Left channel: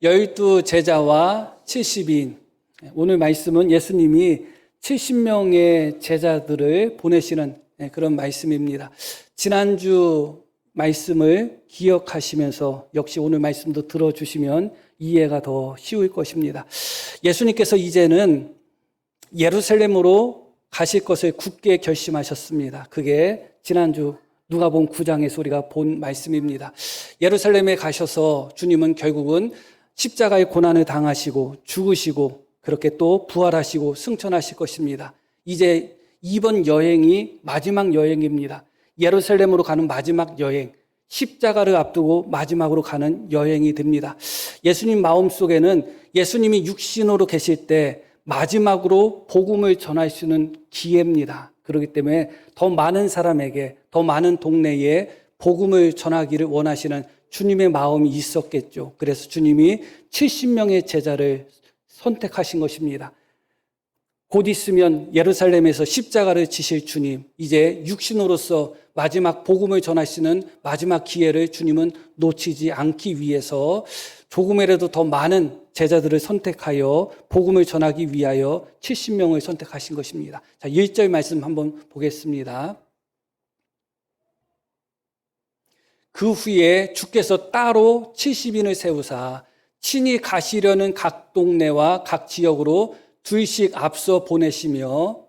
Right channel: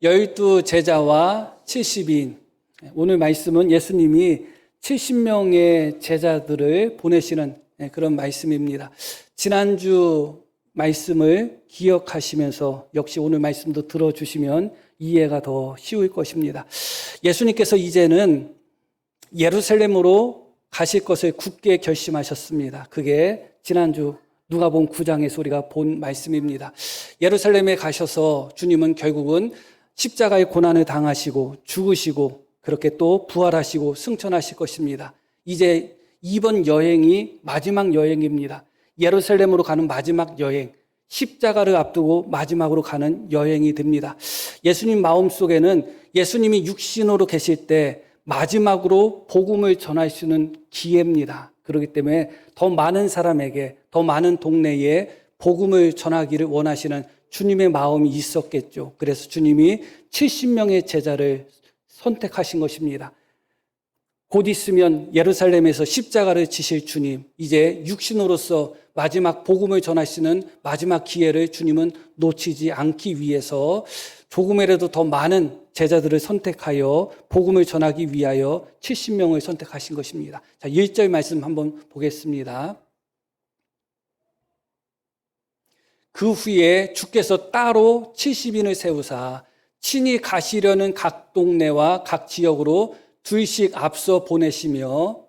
12 제자와 70인. 오늘 말씀은 예수님이 70명의 제자들을 보내시는 그런 말씀입니다. 지난주 말씀을 기억하시면서 역시 오늘 말씀도 들어주시면 이해가 더 쉬울 것입니다. 예수님께서 이제는 예루살렘으로 가실 것을 굳게 결심하셨습니다. 그게 지난주 누가복음 9장의 소리가 본 말씀입니다. 예루살렘에 가셔서 주님은 결국은 십자가의 고난을 당하시고 죽으시고 그렇게 또 부활하시고 승천하실 것입니다. 이제 이번 여행이 마지막 여행입니다. 예루살렘으로 가는 마지막 여행, 십자가를 앞두고 마지막으로 가는 여행이 됩니다. 예수님 마음속에는 예수님이 육신으로 계실 때 마지막으로 복음을 전할 수 있는 기회입니다. 그렇기 때문에 더 많은 사람에게, 더 많은 동네에 복음을 전하기를 원하시는 주님의 마음이 있었겠죠. 그래서 주님이 70명의 제자를 선택하신 것입니다. 곧 있으면 예루살렘에서 십자가를 지실 주님, 이제 육신으로서 마지막 복음을 전하시는 마지막 기회를 주님은 놓치지 않기 위해서 조금이라도 더 많은 제자들을 선택하여 복음을 전하기 위하여 70명을 선택하신 것입니다. 자, 1절 말씀 한번 보겠습니다. 그 후에 주께서 따로 70인을 세우사 친히 가시려는 각 동네와 각 지역으로 둘씩 앞서 보내시며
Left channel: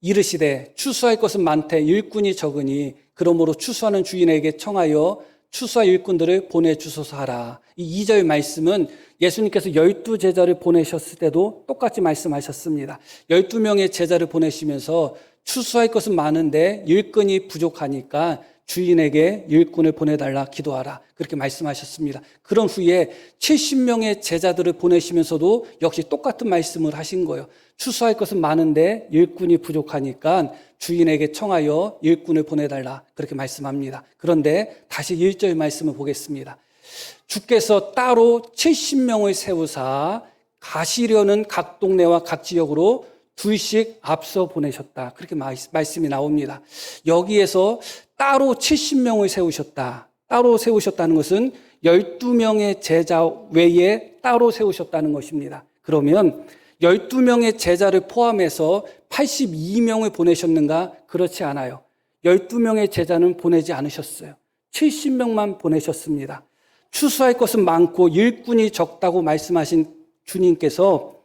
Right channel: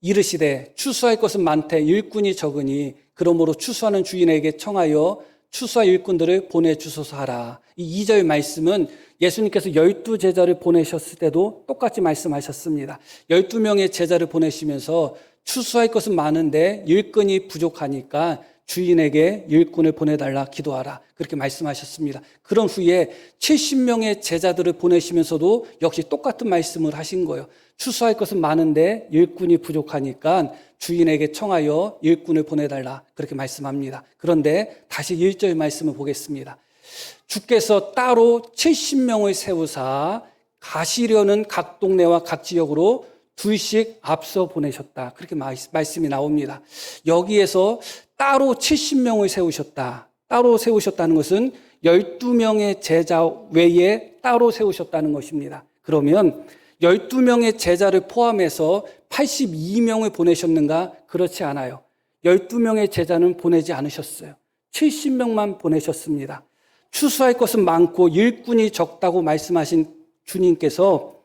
이르시되 추수할 것은 많되 일꾼이 적으니 그러므로 추수하는 주인에게 청하여 추수할 일꾼들을 보내주소서 하라. 이 2절 말씀은 예수님께서 12 제자를 보내셨을 때도 똑같이 말씀하셨습니다. 12명의 제자를 보내시면서 추수할 것은 많은데 일꾼이 부족하니까 주인에게 일꾼을 보내달라 기도하라. 그렇게 말씀하셨습니다. 그런 후에 70명의 제자들을 보내시면서도 역시 똑같은 말씀을 하신 거예요. 추수할 것은 많은데 일꾼이 부족하니까 주인에게 청하여 일꾼을 보내달라. 그렇게 말씀합니다. 그런데 다시 1절 말씀을 보겠습니다. 주께서 따로 70명을 세우사 가시려는 각 동네와 각 지역으로 둘씩 앞서 보내셨다. 그렇게 말씀이 나옵니다. 여기에서 따로 70명을 세우셨다. 따로 세우셨다는 것은 12명의 제자 외에 따로 세우셨다는 것입니다. 그러면 12명의 제자를 포함해서 82명을 보내셨는가? 그렇지 않아요. 12명의 제자는 보내지 않으셨어요. 70명만 보내셨습니다. 추수할 것은 많고 일꾼이 적다고 말씀하신 주님께서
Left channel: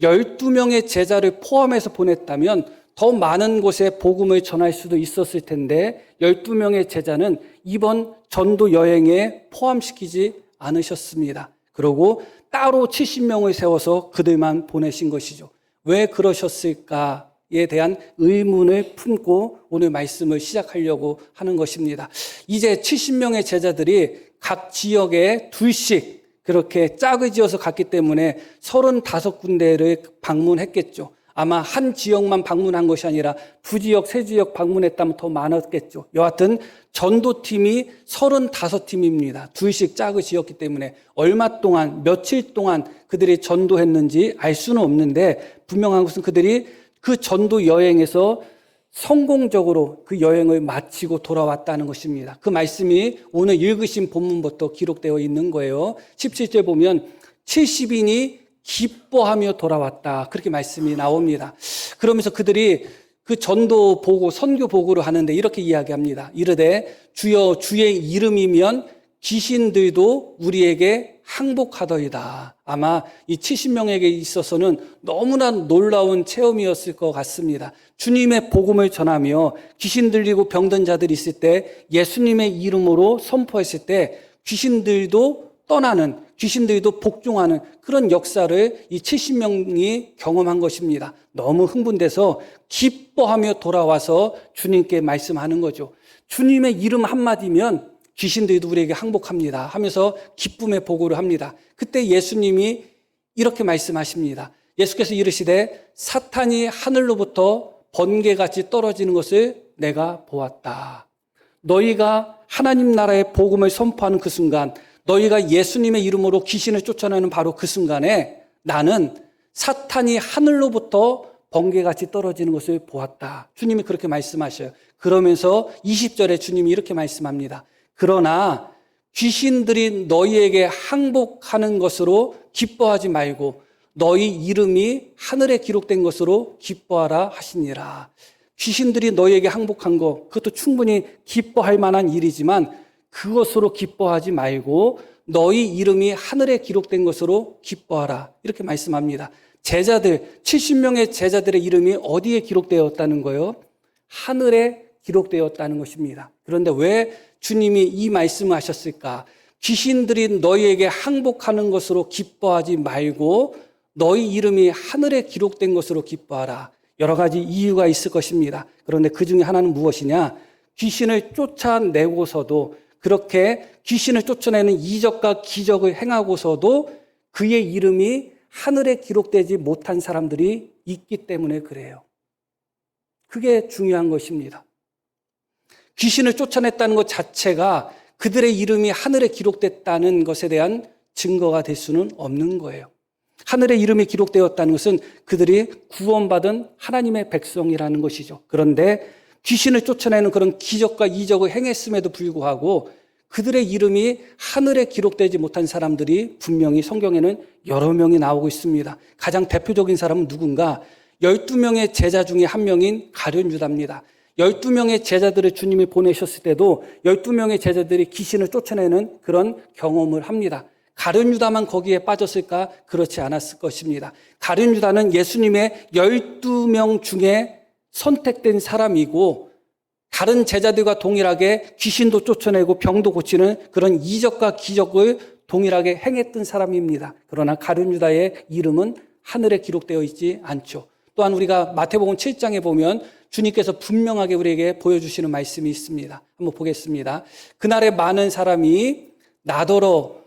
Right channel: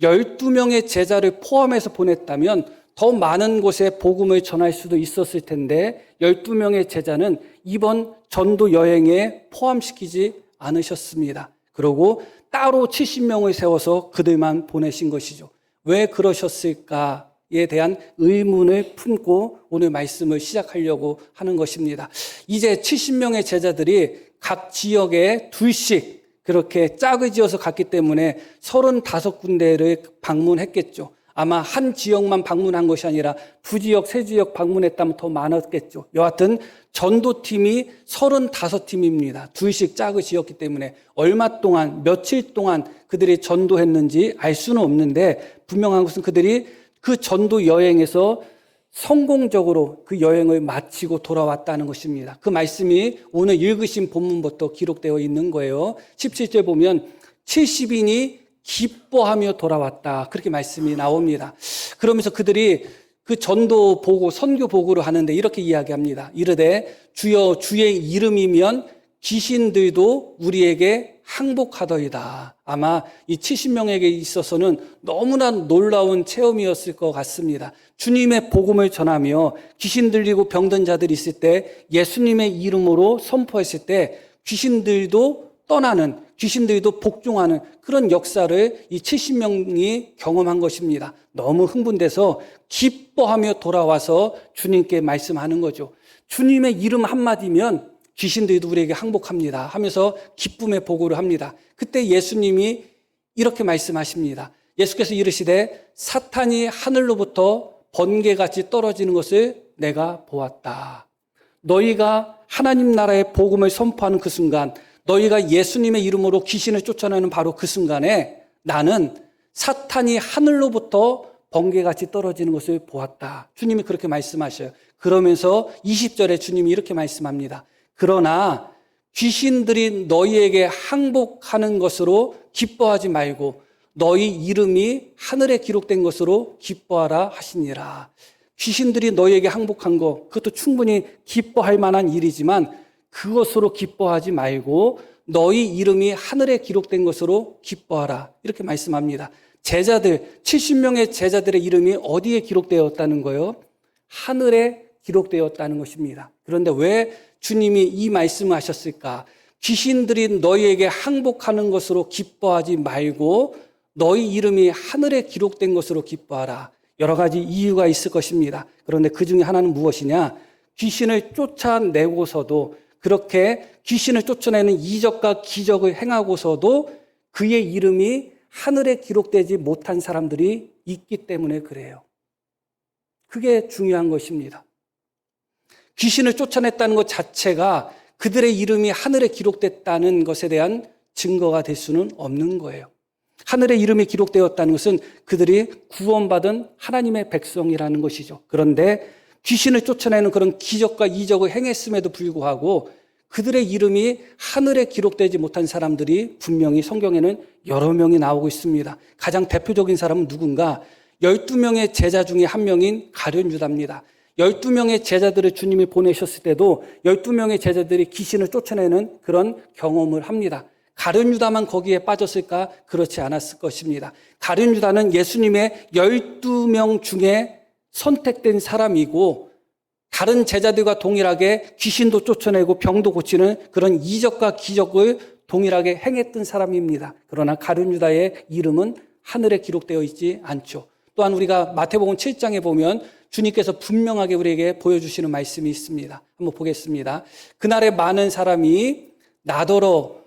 12명의 제자를 포함해서 보냈다면 더 많은 곳에 복음을 전할 수도 있었을 텐데 12명의 제자는 이번 전도 여행에 포함시키지 않으셨습니다. 그리고 따로 70명을 세워서 그들만 보내신 것이죠. 왜 그러셨을까에 대한 의문을 품고 오늘 말씀을 시작하려고 하는 것입니다. 이제 70명의 제자들이 각 지역에 둘씩 그렇게 짝을 지어서 갔기 때문에 35군데를 방문했겠죠. 아마 한 지역만 방문한 것이 아니라 2지역, 3지역 방문했다면 더 많았겠죠. 여하튼 전도팀이 35팀입니다. 둘씩 짝을 지었기 때문에 얼마 동안, 며칠 동안 그들이 전도했는지 알 수는 없는데 분명한 것은 그들이 그 전도 여행에서 성공적으로 그 여행을 마치고 돌아왔다는 것입니다. 그 말씀이 오늘 읽으신 본문부터 기록되어 있는 거예요. 17절 보면 70인이 기뻐하며 돌아왔다. 그렇게 말씀이 나옵니다. 그러면서 그들이 그 전도 보고 선교 보고를 하는데 이렇게 이야기합니다. 이르되 주여 주의 이름이면 귀신들도 우리에게 항복하더이다. 아마 이 70명에게 있어서는 너무나 놀라운 체험이었을 것 같습니다. 주님의 복음을 전하며 귀신 들리고 병든 자들이 있을 때 예수님의 이름으로 선포했을 때 귀신들도 떠나는, 귀신들도 복종하는 그런 역사를 이 70명이 경험한 것입니다. 너무 흥분돼서 기뻐하며 돌아와서 주님께 말씀하는 거죠. 주님의 이름 한마디면 귀신들도 우리에게 항복합니다 하면서 기쁨의 보고를 합니다. 그때 예수님이 이렇게 말씀하십니다. 예수께서 이르시되 사탄이 하늘로부터 번개같이 떨어지는 것을 내가 보았다. 너희가 하나님 나라의 복음을 선포하는 그 순간, 너희가 예수님의 이름으로 귀신을 쫓아내는 바로 그 순간에 나는 사탄이 하늘로부터 번개같이 떨어지는 것을 보았다. 주님이 그렇게 말씀하셔요. 그러면서 20절에 주님이 이렇게 말씀합니다. 그러나 귀신들이 너희에게 항복하는 것으로 기뻐하지 말고 너희 이름이 하늘에 기록된 것으로 기뻐하라 하시니라. 귀신들이 너희에게 항복한 것, 그것도 충분히 기뻐할 만한 일이지만 그것으로 기뻐하지 말고 너희 이름이 하늘에 기록된 것으로 기뻐하라. 이렇게 말씀합니다. 제자들, 70명의 제자들의 이름이 어디에 기록되었다는 거예요? 하늘에 기록되었다는 것입니다. 그런데 왜 주님이 이 말씀을 하셨을까? 귀신들이 너희에게 항복하는 것으로 기뻐하지 말고 너희 이름이 하늘에 기록된 것으로 기뻐하라. 여러 가지 이유가 있을 것입니다. 그런데 그 중에 하나는 무엇이냐? 귀신을 쫓아내고서도, 그렇게 귀신을 쫓아내는 이적과 기적을 행하고서도 그의 이름이 하늘에 기록되지 못한 사람들이 있기 때문에 그래요. 그게 중요한 것입니다. 귀신을 쫓아냈다는 것 자체가 그들의 이름이 하늘에 기록됐다는 것에 대한 증거가 될 수는 없는 거예요. 하늘에 이름이 기록되었다는 것은 그들이 구원받은 하나님의 백성이라는 것이죠. 그런데 귀신을 쫓아내는 그런 기적과 이적을 행했음에도 불구하고 그들의 이름이 하늘에 기록되지 못한 사람들이 분명히 성경에는 여러 명이 나오고 있습니다. 가장 대표적인 사람은 누군가? 12명의 제자 중에 한 명인 가룟 유다입니다. 12명의 제자들을 주님이 보내셨을 때도 12명의 제자들이 귀신을 쫓아내는 그런 경험을 합니다. 가룟 유다만 거기에 빠졌을까? 그렇지 않았을 것입니다. 가룟 유다는 예수님의 12명 중에 선택된 사람이고 다른 제자들과 동일하게 귀신도 쫓아내고 병도 고치는 그런 이적과 기적을 동일하게 행했던 사람입니다. 그러나 가룟 유다의 이름은 하늘에 기록되어 있지 않죠. 또한 우리가 마태복음 7장에 보면 주님께서 분명하게 우리에게 보여주시는 말씀이 있습니다. 한번 보겠습니다. 그날에 많은 사람이 나더러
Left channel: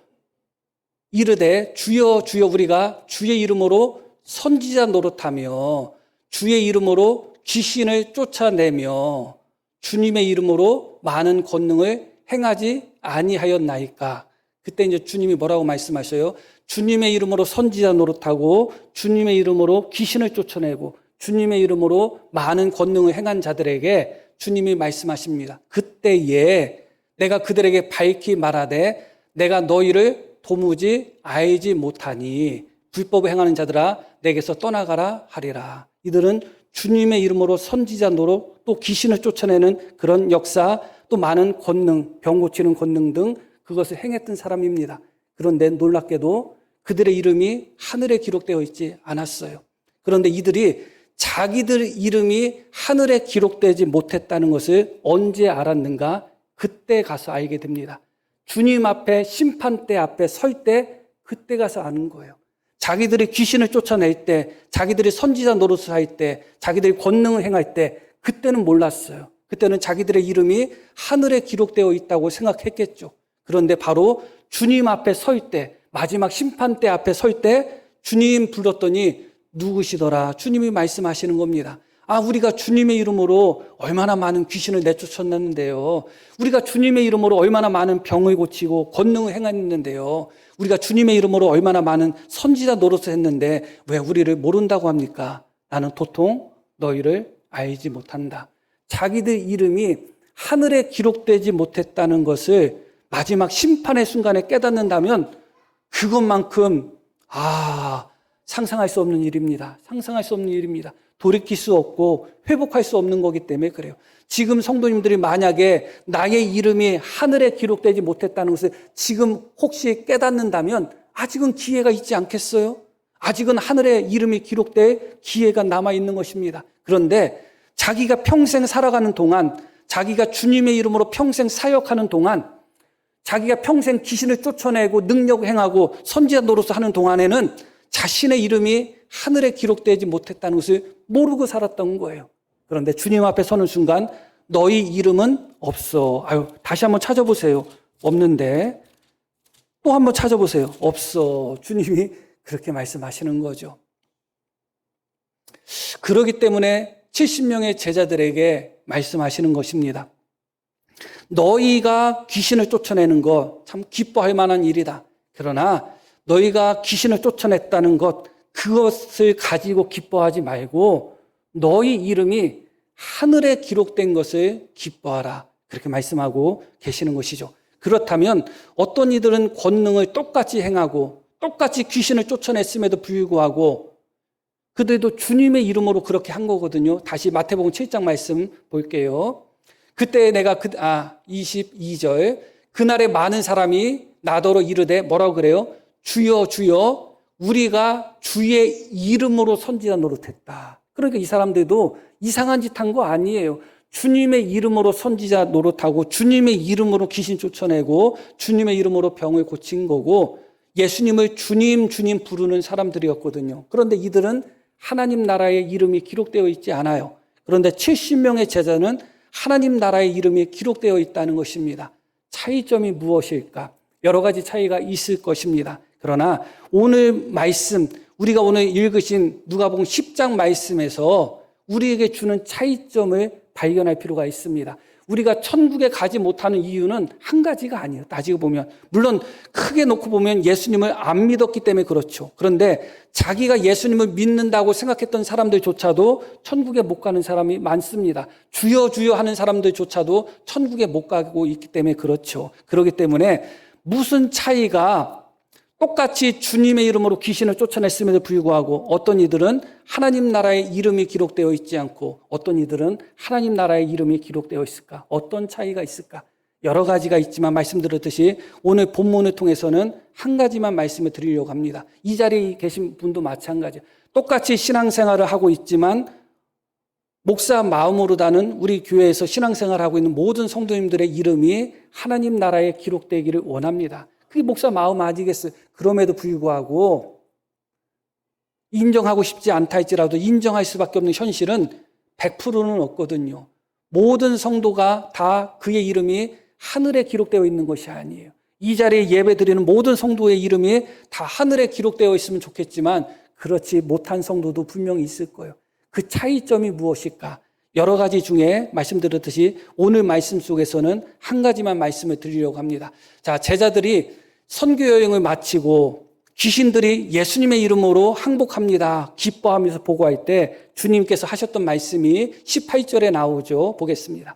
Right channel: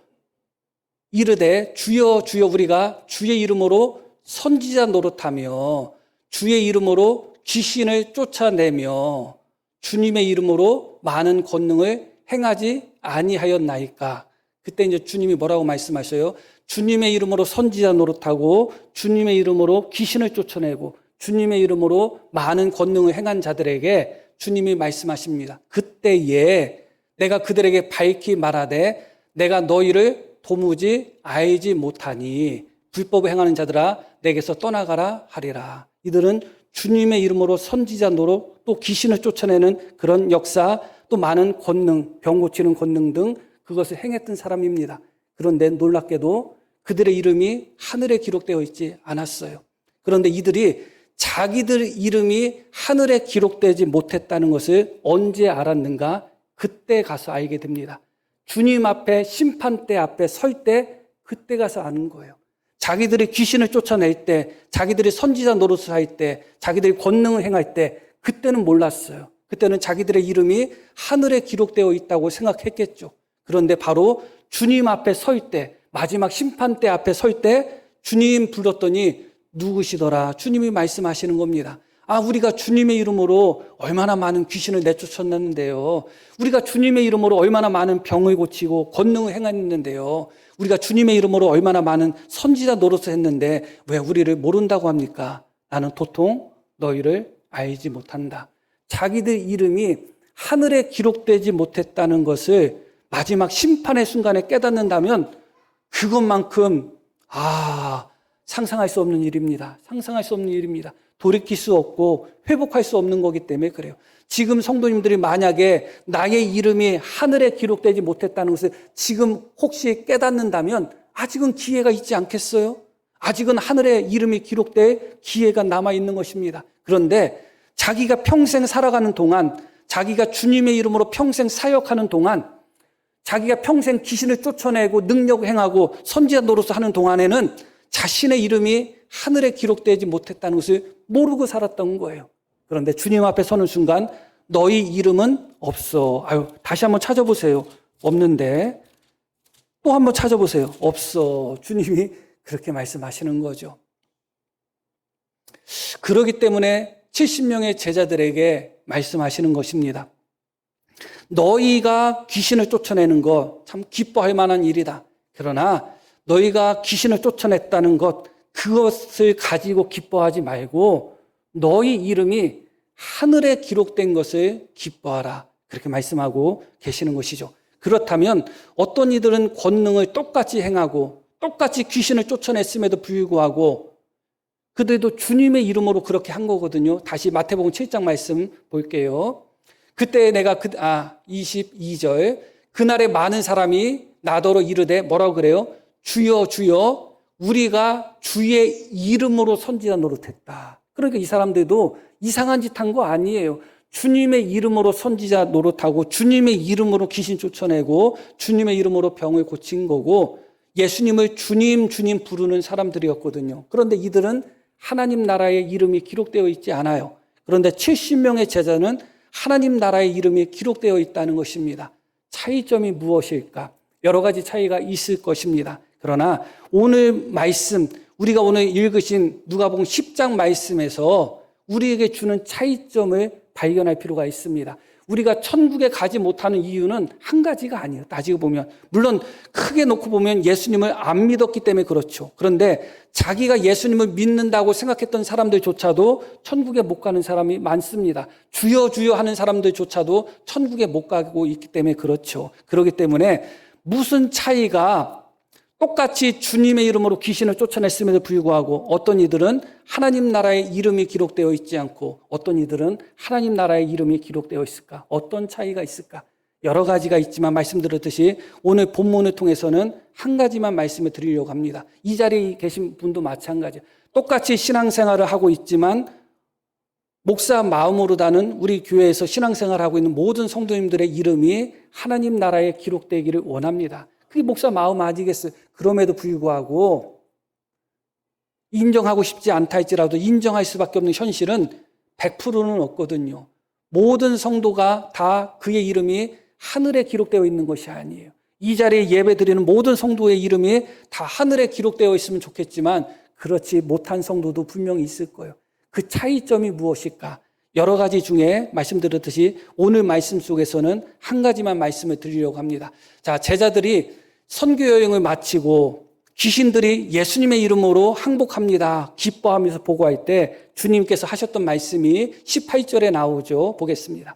이르되 주여 주여 우리가 주의 이름으로 선지자 노릇하며 주의 이름으로 귀신을 쫓아내며 주님의 이름으로 많은 권능을 행하지 아니하였나이까. 그때 이제 주님이 뭐라고 말씀하세요? 주님의 이름으로 선지자 노릇하고 주님의 이름으로 귀신을 쫓아내고 주님의 이름으로 많은 권능을 행한 자들에게 주님이 말씀하십니다. 그때에 내가 그들에게 밝히 말하되 내가 너희를 도무지 알지 못하니 불법을 행하는 자들아 내게서 떠나가라 하리라. 이들은 주님의 이름으로 선지자 노릇, 또 귀신을 쫓아내는 그런 역사, 또 많은 권능, 병 고치는 권능 등 그것을 행했던 사람입니다. 그런데 놀랍게도 그들의 이름이 하늘에 기록되어 있지 않았어요. 그런데 이들이 자기들 이름이 하늘에 기록되지 못했다는 것을 언제 알았는가? 그때 가서 알게 됩니다. 주님 앞에 심판대 앞에 설 때 그때 가서 아는 거예요. 자기들이 귀신을 쫓아낼 때, 자기들이 선지자 노릇을 할 때, 자기들이 권능을 행할 때 그때는 몰랐어요. 그때는 자기들의 이름이 하늘에 기록되어 있다고 생각했겠죠. 그런데 바로 주님 앞에 설 때, 마지막 심판대 앞에 설 때 주님 불렀더니 누구시더라? 주님이 말씀하시는 겁니다. 우리가 주님의 이름으로 얼마나 많은 귀신을 내쫓았는데요. 우리가 주님의 이름으로 얼마나 많은 병을 고치고 권능을 행했는데요. 우리가 주님의 이름으로 얼마나 많은 선지자 노릇을 했는데 왜 우리를 모른다고 합니까? 나는 도통 너희를 알지 못한다. 자기들 이름이 하늘에 기록되지 못했다는 것을 마지막 심판의 순간에 깨닫는다면 그것만큼 상상할 수 없는 일입니다. 상상할 수 없는 일입니다. 돌이킬 수 없고 회복할 수 없는 거기 때문에 그래요. 지금 성도님들이 만약에 나의 이름이 하늘에 기록되지 못했다는 것을 지금 혹시 깨닫는다면 아직은 기회가 있지 않겠어요? 아직은 하늘에 이름이 기록될 기회가 남아있는 것입니다. 그런데 자기가 평생 살아가는 동안, 자기가 주님의 이름으로 평생 사역하는 동안, 자기가 평생 귀신을 쫓아내고 능력을 행하고 선지자 노릇을 하는 동안에는 자신의 이름이 하늘에 기록되지 못했다는 것을 모르고 살았던 거예요. 그런데 주님 앞에 서는 순간 너희 이름은 없어. 다시 한번 찾아보세요. 없는데. 또 한번 찾아보세요. 없어. 주님이 그렇게 말씀하시는 거죠. 그렇기 때문에 70명의 제자들에게 말씀하시는 것입니다. 너희가 귀신을 쫓아내는 것 참 기뻐할 만한 일이다. 그러나 너희가 귀신을 쫓아냈다는 것, 그것을 가지고 기뻐하지 말고 너희 이름이 하늘에 기록된 것을 기뻐하라. 그렇게 말씀하고 계시는 것이죠. 그렇다면 어떤 이들은 권능을 똑같이 행하고 똑같이 귀신을 쫓아냈음에도 불구하고 그들도 주님의 이름으로 그렇게 한 거거든요. 다시 마태복음 7장 말씀 볼게요. 그때 내가 22절 그날에 많은 사람이 나더러 이르되 뭐라고 그래요? 주여 주여 우리가 주의 이름으로 선지자 노릇했다. 그러니까 이 사람들도 이상한 짓 한 거 아니에요. 주님의 이름으로 선지자 노릇하고 주님의 이름으로 귀신 쫓아내고 주님의 이름으로 병을 고친 거고 예수님을 주님 주님 부르는 사람들이었거든요. 그런데 이들은 하나님 나라의 이름이 기록되어 있지 않아요. 그런데 70명의 제자는 하나님 나라의 이름이 기록되어 있다는 것입니다. 차이점이 무엇일까? 여러 가지 차이가 있을 것입니다. 그러나 오늘 말씀, 우리가 오늘 읽으신 누가복음 10장 말씀에서 우리에게 주는 차이점을 발견할 필요가 있습니다. 우리가 천국에 가지 못하는 이유는 한 가지가 아니에요. 따지고 보면. 물론 크게 놓고 보면 예수님을 안 믿었기 때문에 그렇죠. 그런데 자기가 예수님을 믿는다고 생각했던 사람들조차도 천국에 못 가는 사람이 많습니다. 주여 주여 하는 사람들조차도 천국에 못 가고 있기 때문에 그렇죠. 그렇기 때문에 무슨 차이가 똑같이 주님의 이름으로 귀신을 쫓아냈음에도 불구하고 어떤 이들은 하나님 나라의 이름이 기록되어 있지 않고 어떤 이들은 하나님 나라의 이름이 기록되어 있을까? 어떤 차이가 있을까? 여러 가지가 있지만 말씀드렸듯이 오늘 본문을 통해서는 한 가지만 말씀을 드리려고 합니다. 이 자리에 계신 분도 마찬가지예요. 똑같이 신앙생활을 하고 있지만 목사 마음으로 다는 우리 교회에서 신앙생활을 하고 있는 모든 성도님들의 이름이 하나님 나라에 기록되기를 원합니다. 그게 목사 마음 아니겠어요? 그럼에도 불구하고 인정하고 싶지 않다 할지라도 인정할 수밖에 없는 현실은 100%는 없거든요. 모든 성도가 다 그의 이름이 하늘에 기록되어 있는 것이 아니에요. 이 자리에 예배드리는 모든 성도의 이름이 다 하늘에 기록되어 있으면 좋겠지만 그렇지 못한 성도도 분명히 있을 거예요. 그 차이점이 무엇일까? 여러 가지 중에 말씀드렸듯이 오늘 말씀 속에서는 한 가지만 말씀을 드리려고 합니다. 자, 제자들이 선교 여행을 마치고 귀신들이 예수님의 이름으로 항복합니다. 기뻐하면서 보고할 때 주님께서 하셨던 말씀이 18절에 나오죠. 보겠습니다.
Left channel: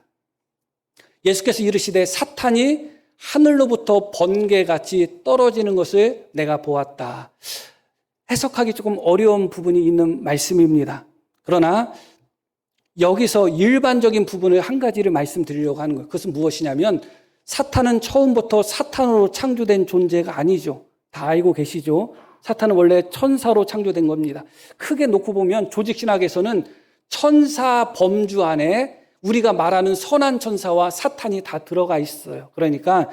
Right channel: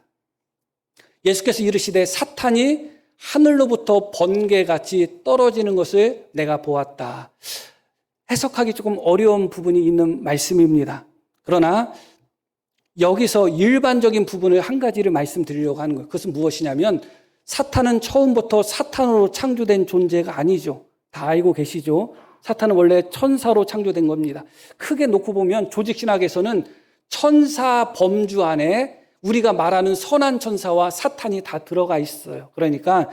예수께서 이르시되 사탄이 하늘로부터 번개같이 떨어지는 것을 내가 보았다. 해석하기 조금 어려운 부분이 있는 말씀입니다. 그러나 여기서 일반적인 부분을 한 가지를 말씀드리려고 하는 거예요. 그것은 무엇이냐면 사탄은 처음부터 사탄으로 창조된 존재가 아니죠. 다 알고 계시죠? 사탄은 원래 천사로 창조된 겁니다. 크게 놓고 보면 조직신학에서는 천사 범주 안에 우리가 말하는 선한 천사와 사탄이 다 들어가 있어요. 그러니까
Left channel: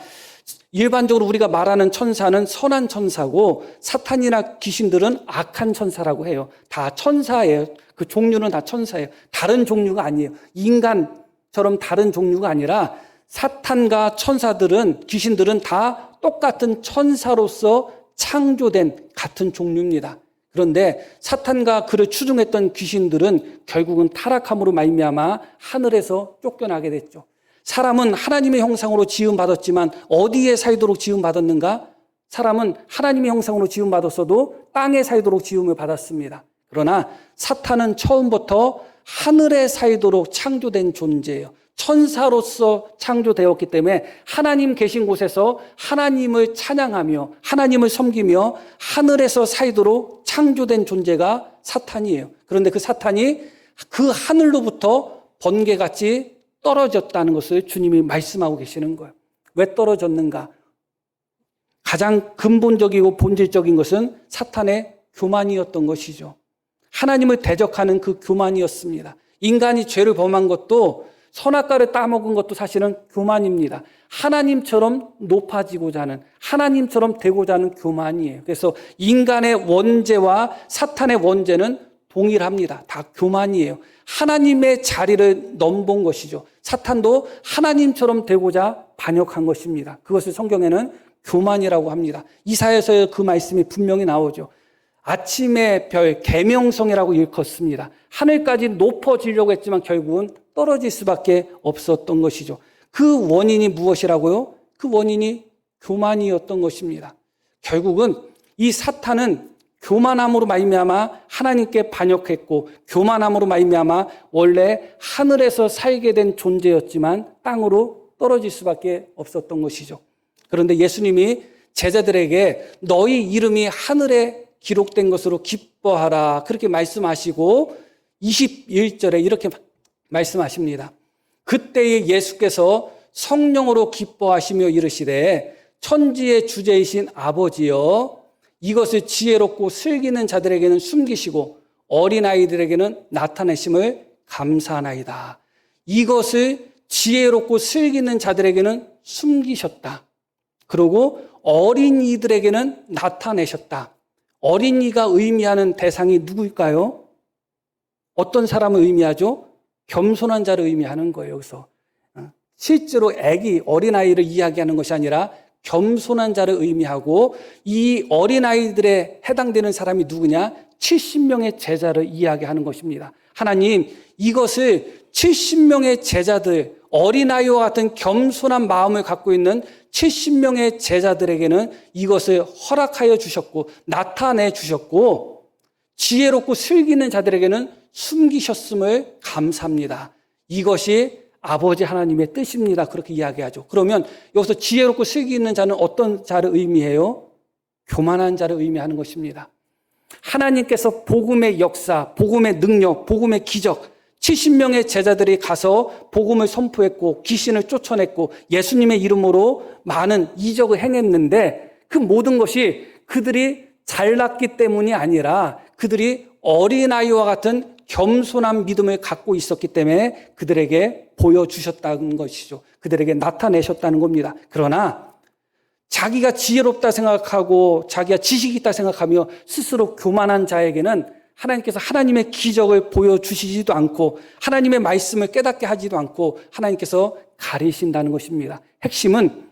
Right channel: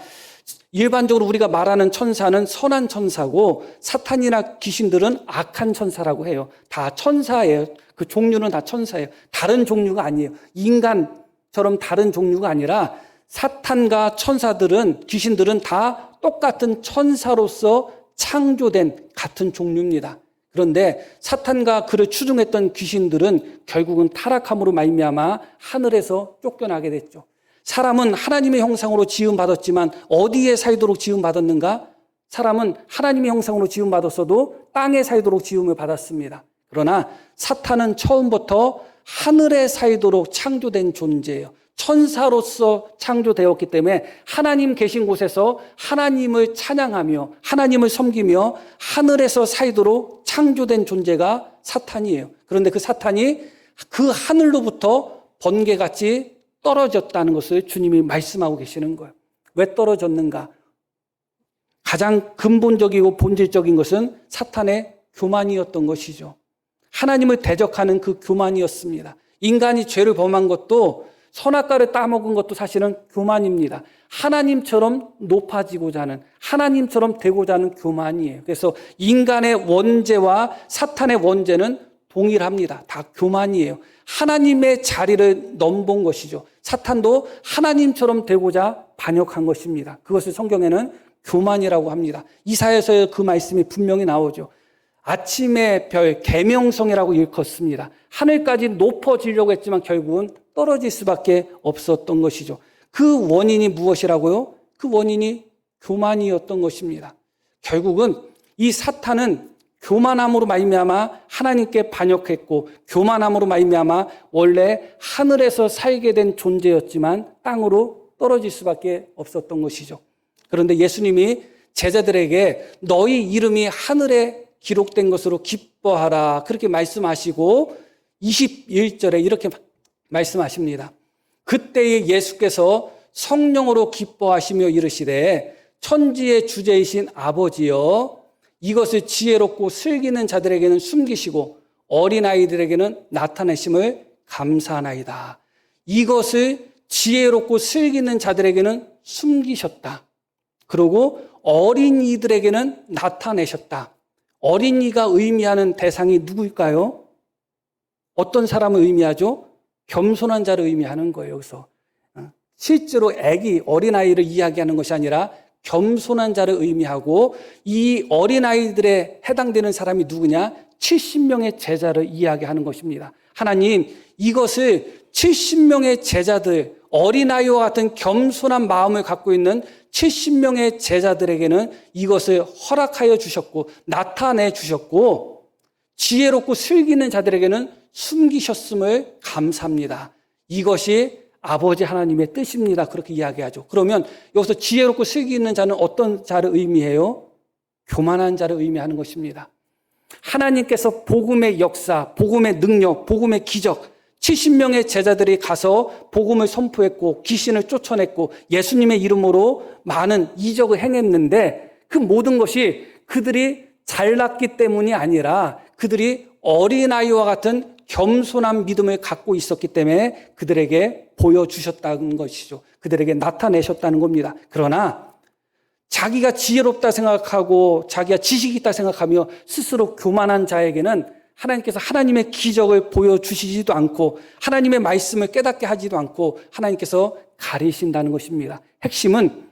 일반적으로 우리가 말하는 천사는 선한 천사고 사탄이나 귀신들은 악한 천사라고 해요. 다 천사예요. 그 종류는 다 천사예요. 다른 종류가 아니에요. 인간처럼 다른 종류가 아니라 사탄과 천사들은, 귀신들은 다 똑같은 천사로서 창조된 같은 종류입니다. 그런데 사탄과 그를 추종했던 귀신들은 결국은 타락함으로 말미암아 하늘에서 쫓겨나게 됐죠. 사람은 하나님의 형상으로 지음받았지만 어디에 살도록 지음받았는가? 사람은 하나님의 형상으로 지음받았어도 땅에 살도록 지음을 받았습니다. 그러나 사탄은 처음부터 하늘에 살도록 창조된 존재예요. 천사로서 창조되었기 때문에 하나님 계신 곳에서 하나님을 찬양하며 하나님을 섬기며 하늘에서 살도록 창조된 존재가 사탄이에요. 그런데 그 사탄이 그 하늘로부터 번개같이 떨어졌다는 것을 주님이 말씀하고 계시는 거예요. 왜 떨어졌는가? 가장 근본적이고 본질적인 것은 사탄의 교만이었던 것이죠. 하나님을 대적하는 그 교만이었습니다. 인간이 죄를 범한 것도 선악과를 따먹은 것도 사실은 교만입니다. 하나님처럼 높아지고자 하는, 하나님처럼 되고자 하는 교만이에요. 그래서 인간의 원죄와 사탄의 원죄는 동일합니다. 다 교만이에요. 하나님의 자리를 넘본 것이죠. 사탄도 하나님처럼 되고자 반역한 것입니다. 그것을 성경에는 교만이라고 합니다. 이사야서에 그 말씀이 분명히 나오죠. 아침의 별, 계명성이라고 일컫습니다. 하늘까지 높아지려고 했지만 결국은 떨어질 수밖에 없었던 것이죠. 그 원인이 무엇이라고요? 그 원인이 교만이었던 것입니다. 결국은 이 사탄은 교만함으로 말미암아 하나님께 반역했고 교만함으로 말미암아 원래 하늘에서 살게 된 존재였지만 땅으로 떨어질 수밖에 없었던 것이죠. 그런데 예수님이 제자들에게 너희 이름이 하늘에 기록된 것으로 기뻐하라 그렇게 말씀하시고 21절에 이렇게 말씀하십니다. 그때에 예수께서 성령으로 기뻐하시며 이르시되 천지의 주제이신 아버지여 이것을 지혜롭고 슬기는 자들에게는 숨기시고 어린아이들에게는 나타내심을 감사하나이다. 이것을 지혜롭고 슬기는 자들에게는 숨기셨다. 그리고 어린이들에게는 나타내셨다. 어린이가 의미하는 대상이 누구일까요? 어떤 사람을 의미하죠? 겸손한 자를 의미하는 거예요. 그래서 실제로 어린아이를 이야기하는 것이 아니라 겸손한 자를 의미하고 이 어린아이들에 해당되는 사람이 누구냐? 70명의 제자를 이야기하는 것입니다. 하나님, 이것을 70명의 제자들, 어린아이와 같은 겸손한 마음을 갖고 있는 70명의 제자들에게는 이것을 허락하여 주셨고 나타내 주셨고 지혜롭고 슬기는 자들에게는 숨기셨음을 감사합니다. 이것이 아버지 하나님의 뜻입니다. 그렇게 이야기하죠. 그러면 여기서 지혜롭고 슬기 있는 자는 어떤 자를 의미해요? 교만한 자를 의미하는 것입니다. 하나님께서 복음의 역사, 복음의 능력, 복음의 기적 70명의 제자들이 가서 복음을 선포했고 귀신을 쫓아냈고 예수님의 이름으로 많은 이적을 행했는데 그 모든 것이 그들이 잘났기 때문이 아니라 그들이 어린아이와 같은 겸손한 믿음을 갖고 있었기 때문에 그들에게 보여주셨다는 것이죠. 그들에게 나타내셨다는 겁니다. 그러나 자기가 지혜롭다 생각하고 자기가 지식이 있다 생각하며 스스로 교만한 자에게는 하나님께서 하나님의 기적을 보여주시지도 않고 하나님의 말씀을 깨닫게 하지도 않고 하나님께서 가리신다는 것입니다. 핵심은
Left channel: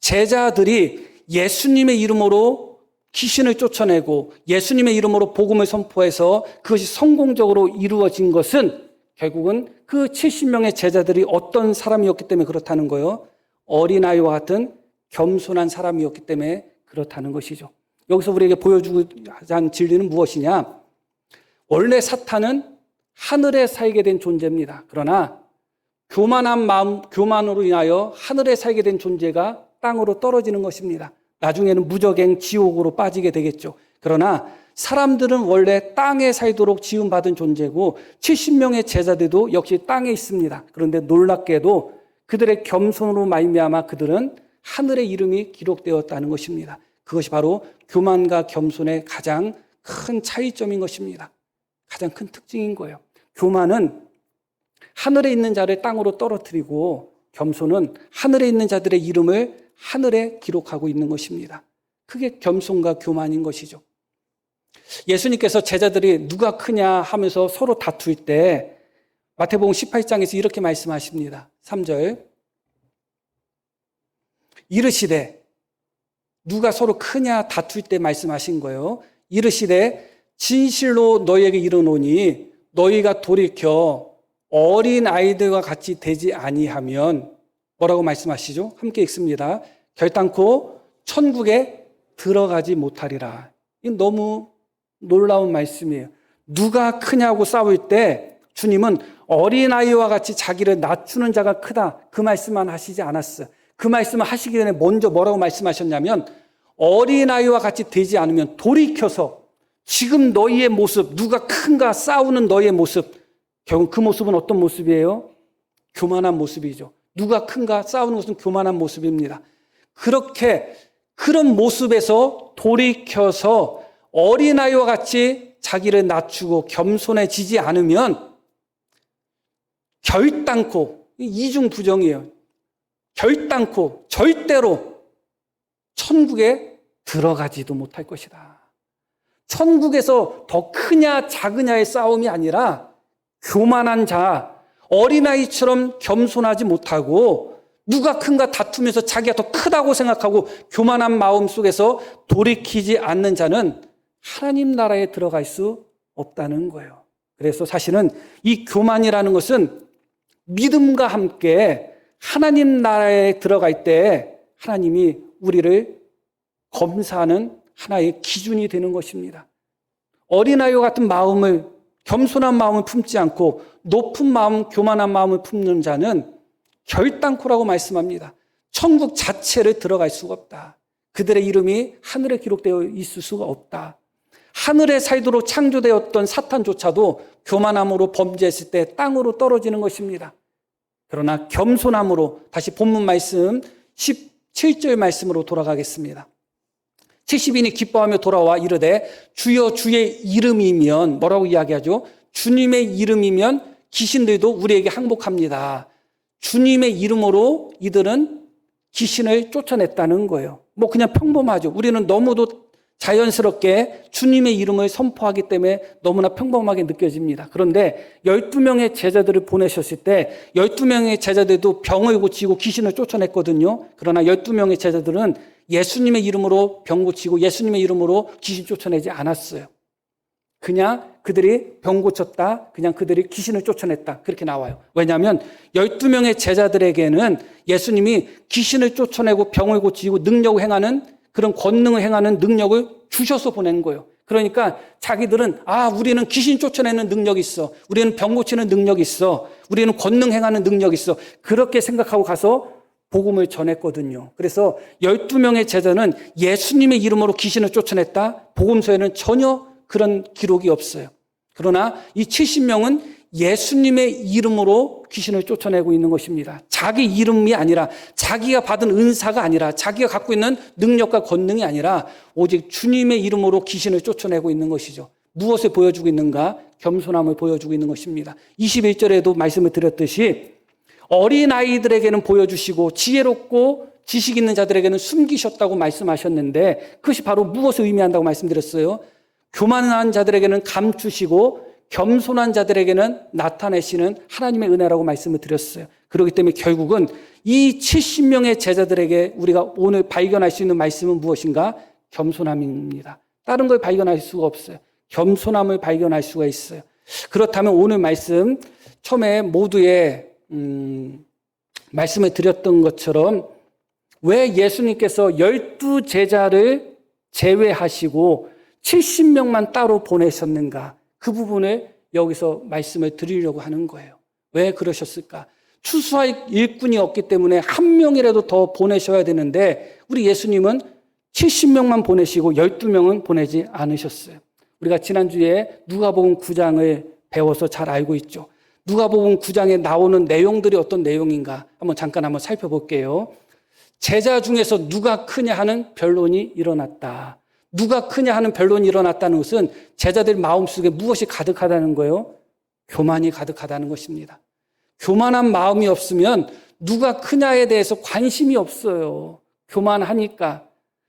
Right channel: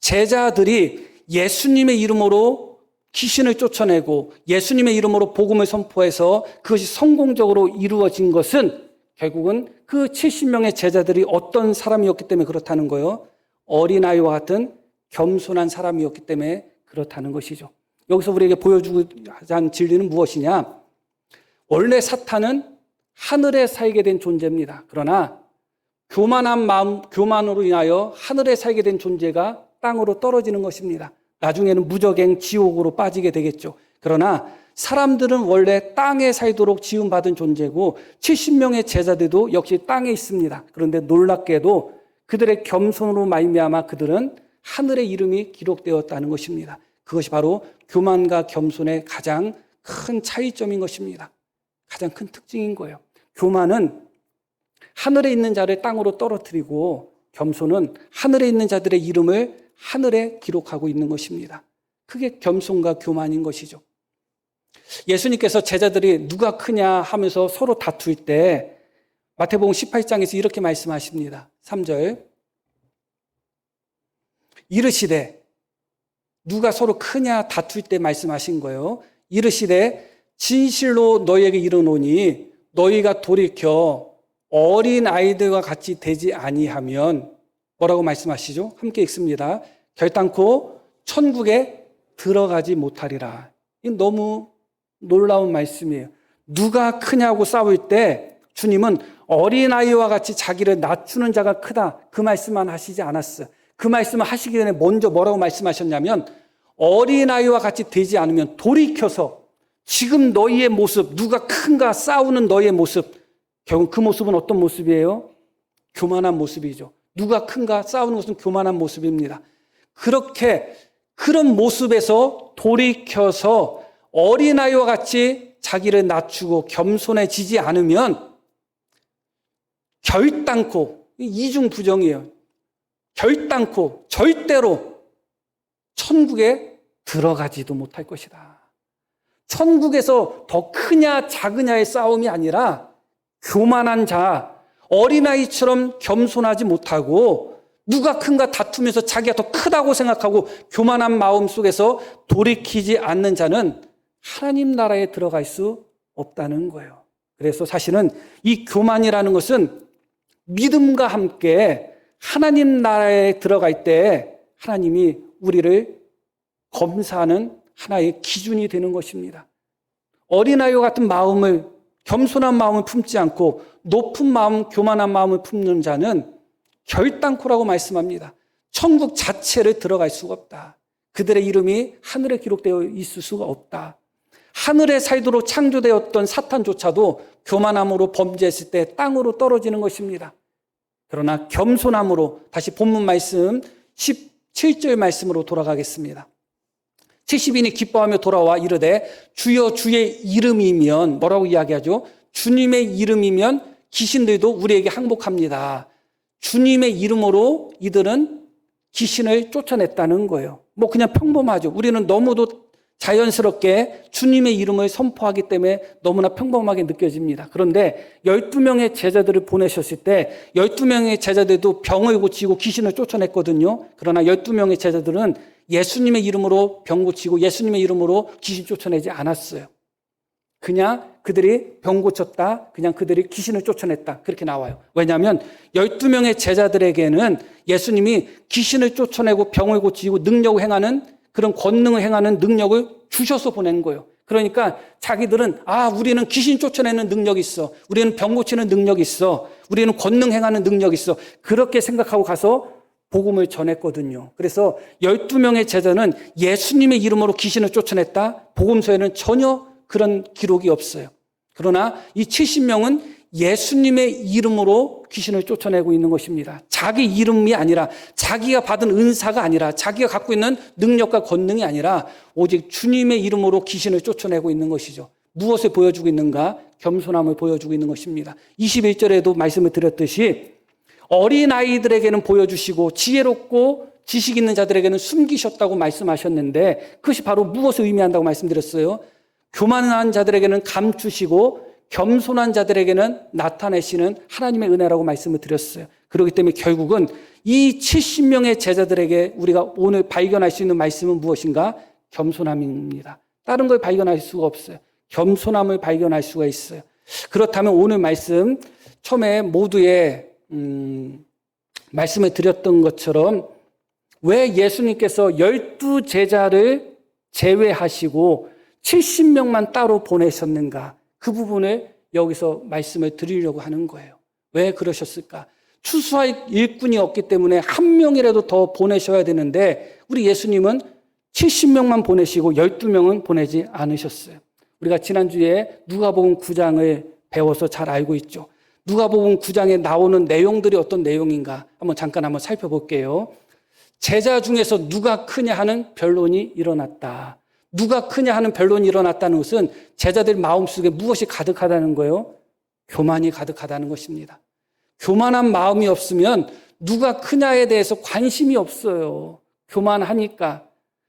제자들이 예수님의 이름으로 귀신을 쫓아내고 예수님의 이름으로 복음을 선포해서 그것이 성공적으로 이루어진 것은 결국은 그 70명의 제자들이 어떤 사람이었기 때문에 그렇다는 거예요. 어린아이와 같은 겸손한 사람이었기 때문에 그렇다는 것이죠. 여기서 우리에게 보여주고자 하는 진리는 무엇이냐? 원래 사탄은 하늘에 살게 된 존재입니다. 그러나 교만한 마음, 교만으로 인하여 하늘에 살게 된 존재가 땅으로 떨어지는 것입니다. 나중에는 무저갱 지옥으로 빠지게 되겠죠. 그러나 사람들은 원래 땅에 살도록 지음받은 존재고 70명의 제자들도 역시 땅에 있습니다. 그런데 놀랍게도 그들의 겸손으로 말미암아 그들은 하늘의 이름이 기록되었다는 것입니다. 그것이 바로 교만과 겸손의 가장 큰 차이점인 것입니다. 가장 큰 특징인 거예요. 교만은 하늘에 있는 자를 땅으로 떨어뜨리고 겸손은 하늘에 있는 자들의 이름을 하늘에 기록하고 있는 것입니다. 그게 겸손과 교만인 것이죠. 예수님께서 제자들이 누가 크냐 하면서 서로 다툴 때 마태복음 18장에서 이렇게 말씀하십니다. 3절 이르시되 누가 서로 크냐 다툴 때 말씀하신 거예요. 이르시되 진실로 너희에게 이르노니 너희가 돌이켜 어린 아이들과 같이 되지 아니하면 뭐라고 말씀하시죠? 함께 읽습니다. 결단코 천국에 들어가지 못하리라. 이 너무 놀라운 말씀이에요. 누가 크냐고 싸울 때 주님은 어린아이와 같이 자기를 낮추는 자가 크다. 그 말씀만 하시지 않았어요. 그 말씀을 하시기 전에 먼저 뭐라고 말씀하셨냐면 어린아이와 같이 되지 않으면 돌이켜서 지금 너희의 모습, 누가 큰가 싸우는 너희의 모습, 결국 그 모습은 어떤 모습이에요? 교만한 모습이죠. 누가 큰가 싸우는 것은 교만한 모습입니다. 그런 모습에서 돌이켜서 어린아이와 같이 자기를 낮추고 겸손해지지 않으면 결단코, 이중부정이에요. 결단코 절대로 천국에 들어가지도 못할 것이다. 천국에서 더 크냐 작으냐의 싸움이 아니라 교만한 자, 어린아이처럼 겸손하지 못하고 누가 큰가 다투면서 자기가 더 크다고 생각하고 교만한 마음 속에서 돌이키지 않는 자는 하나님 나라에 들어갈 수 없다는 거예요. 그래서 사실은 이 교만이라는 것은 믿음과 함께 하나님 나라에 들어갈 때 하나님이 우리를 검사하는 하나의 기준이 되는 것입니다. 어린아이와 같은 마음을, 겸손한 마음을 품지 않고 높은 마음, 교만한 마음을 품는 자는 결단코라고 말씀합니다. 천국 자체를 들어갈 수가 없다. 그들의 이름이 하늘에 기록되어 있을 수가 없다. 하늘의 사이드로 창조되었던 사탄조차도 교만함으로 범죄했을 때 땅으로 떨어지는 것입니다. 그러나 겸손함으로, 다시 본문 말씀 17절 말씀으로 돌아가겠습니다. 70인이 기뻐하며 돌아와 이르되 주여 주의 이름이면, 뭐라고 이야기하죠? 주님의 이름이면 귀신들도 우리에게 항복합니다. 주님의 이름으로 이들은 귀신을 쫓아냈다는 거예요. 뭐 그냥 평범하죠. 우리는 너무도 자연스럽게 주님의 이름을 선포하기 때문에 너무나 평범하게 느껴집니다. 그런데 12명의 제자들을 보내셨을 때 12명의 제자들도 병을 고치고 귀신을 쫓아냈거든요. 그러나 12명의 제자들은 예수님의 이름으로 병 고치고 예수님의 이름으로 귀신 쫓아내지 않았어요. 그냥 그들이 병 고쳤다, 그냥 그들이 귀신을 쫓아냈다, 그렇게 나와요. 왜냐하면 12명의 제자들에게는 예수님이 귀신을 쫓아내고 병을 고치고 능력을 행하는, 그런 권능을 행하는 능력을 주셔서 보낸 거예요. 그러니까 자기들은 우리는 귀신 쫓아내는 능력이 있어, 우리는 병 고치는 능력이 있어, 우리는 권능 행하는 능력이 있어, 그렇게 생각하고 가서 복음을 전했거든요. 그래서 12명의 제자는 예수님의 이름으로 귀신을 쫓아냈다, 복음서에는 전혀 그런 기록이 없어요. 그러나 이 70명은 예수님의 이름으로 귀신을 쫓아내고 있는 것입니다. 자기 이름이 아니라, 자기가 받은 은사가 아니라, 자기가 갖고 있는 능력과 권능이 아니라 오직 주님의 이름으로 귀신을 쫓아내고 있는 것이죠. 무엇을 보여주고 있는가? 겸손함을 보여주고 있는 것입니다. 21절에도 말씀을 드렸듯이 어린아이들에게는 보여주시고 지혜롭고 지식 있는 자들에게는 숨기셨다고 말씀하셨는데, 그것이 바로 무엇을 의미한다고 말씀드렸어요? 교만한 자들에게는 감추시고 겸손한 자들에게는 나타내시는 하나님의 은혜라고 말씀을 드렸어요. 그렇기 때문에 결국은 이 70명의 제자들에게 우리가 오늘 발견할 수 있는 말씀은 무엇인가? 겸손함입니다. 다른 걸 발견할 수가 없어요. 겸손함을 발견할 수가 있어요. 그렇다면 오늘 말씀 처음에 모두의 말씀을 드렸던 것처럼 왜 예수님께서 12제자를 제외하시고 70명만 따로 보내셨는가? 그 부분에 여기서 말씀을 드리려고 하는 거예요. 왜 그러셨을까? 추수할 일꾼이 없기 때문에 한 명이라도 더 보내셔야 되는데 우리 예수님은 70명만 보내시고 12명은 보내지 않으셨어요. 우리가 지난주에 누가복음 9장을 배워서 잘 알고 있죠. 누가복음 9장에 나오는 내용들이 어떤 내용인가 한번 잠깐 살펴볼게요. 제자 중에서 누가 크냐 하는 변론이 일어났다. 누가 크냐 하는 변론이 일어났다는 것은 제자들 마음속에 무엇이 가득하다는 거예요? 교만이 가득하다는 것입니다. 교만한 마음이 없으면 누가 크냐에 대해서 관심이 없어요. 교만하니까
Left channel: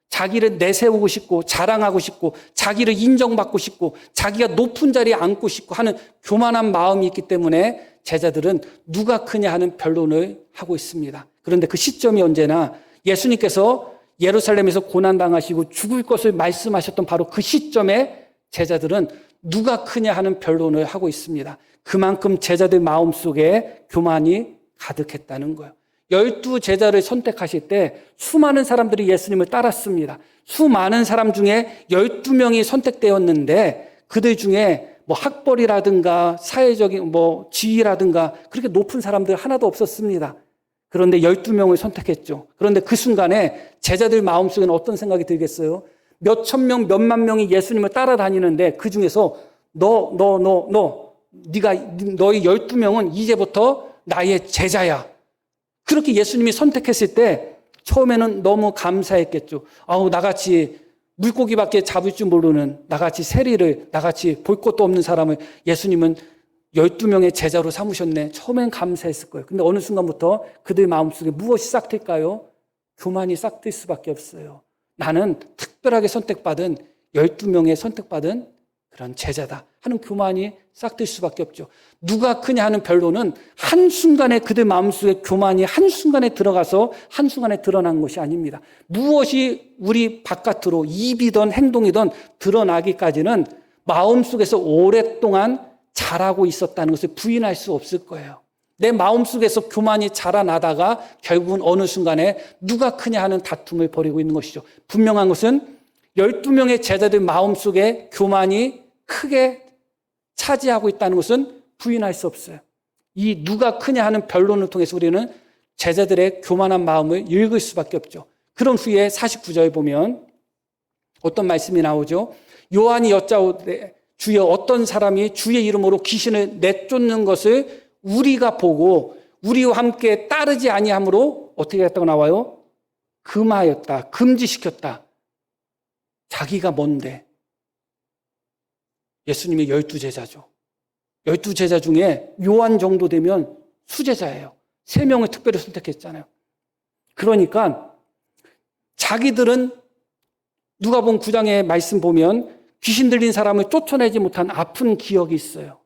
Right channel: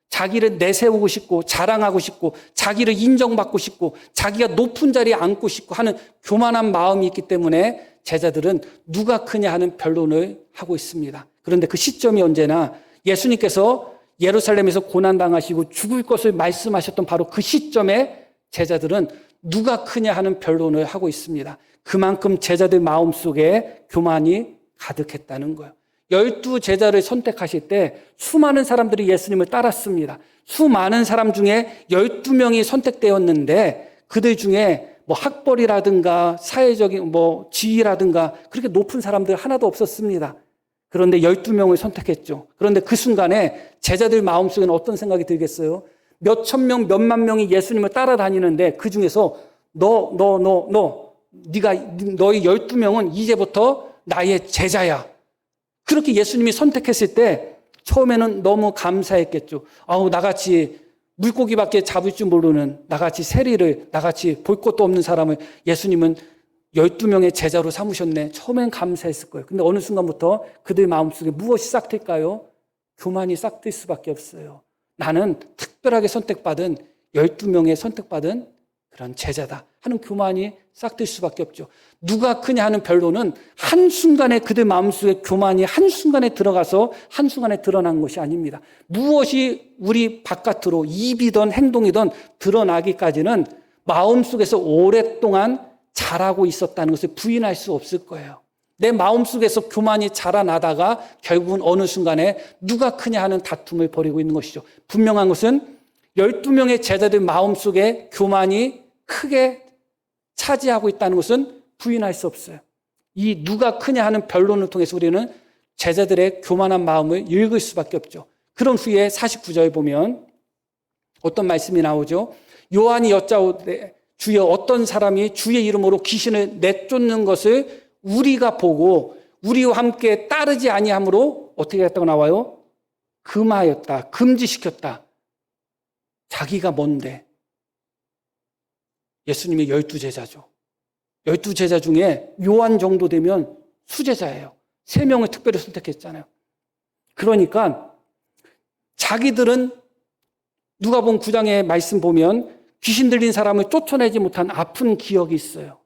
자기를 내세우고 싶고 자랑하고 싶고 자기를 인정받고 싶고 자기가 높은 자리에 앉고 싶고 하는 교만한 마음이 있기 때문에 제자들은 누가 크냐 하는 변론을 하고 있습니다. 그런데 그 시점이 언제나 예수님께서 예루살렘에서 고난당하시고 죽을 것을 말씀하셨던 바로 그 시점에 제자들은 누가 크냐 하는 변론을 하고 있습니다. 그만큼 제자들 마음속에 교만이 가득했다는 거예요. 12제자를 선택하실 때 수많은 사람들이 예수님을 따랐습니다. 수많은 사람 중에 12명이 선택되었는데 그들 중에 학벌이라든가 사회적인 지위라든가 그렇게 높은 사람들 하나도 없었습니다. 그런데 12명을 선택했죠. 그런데 그 순간에 제자들 마음속에는 어떤 생각이 들겠어요? 몇천 명, 몇만 명이 예수님을 따라다니는데 그 중에서 너희 12명은 이제부터 나의 제자야. 그렇게 예수님이 선택했을 때 처음에는 너무 감사했겠죠. 나같이 물고기밖에 잡을 줄 모르는 나같이 세리를, 나같이 볼 것도 없는 사람을 예수님은 12명의 제자로 삼으셨네. 처음엔 감사했을 거예요. 근데 어느 순간부터 그들 마음속에 무엇이 싹틀까요? 교만이 싹틀 수밖에 없어요. 나는 특별하게 선택받은 12명의 선택받은 그런 제자다 하는 교만이 싹틀 수밖에 없죠. 누가 크냐 하는 변론은 한순간에 그들 마음속에 교만이 한순간에 들어가서 한순간에 드러난 것이 아닙니다. 무엇이 우리 바깥으로 입이든 행동이든 드러나기까지는 마음속에서 오랫동안 자라고 있었다는 것을 부인할 수 없을 거예요. 내 마음속에서 교만이 자라나다가 결국은 어느 순간에 누가 크냐 하는 다툼을 벌이고 있는 것이죠. 분명한 것은 12명의 제자들 마음속에 교만이 크게 차지하고 있다는 것은 부인할 수 없어요. 이 누가 크냐 하는 변론을 통해서 우리는 제자들의 교만한 마음을 읽을 수밖에 없죠. 그런 후에 49절 보면 어떤 말씀이 나오죠? 요한이 여짜오되 주여 어떤 사람이 주의 이름으로 귀신을 내쫓는 것을 우리가 보고 우리와 함께 따르지 아니하므로 어떻게 했다고 나와요? 금하였다. 금지시켰다. 자기가 뭔데? 예수님이 12제자죠. 12제자 중에 요한 정도 되면 수제자예요. 3명을 특별히 선택했잖아요. 그러니까 자기들은 누가복음 9장의 말씀 보면 귀신 들린 사람을 쫓아내지 못한 아픈 기억이 있어요.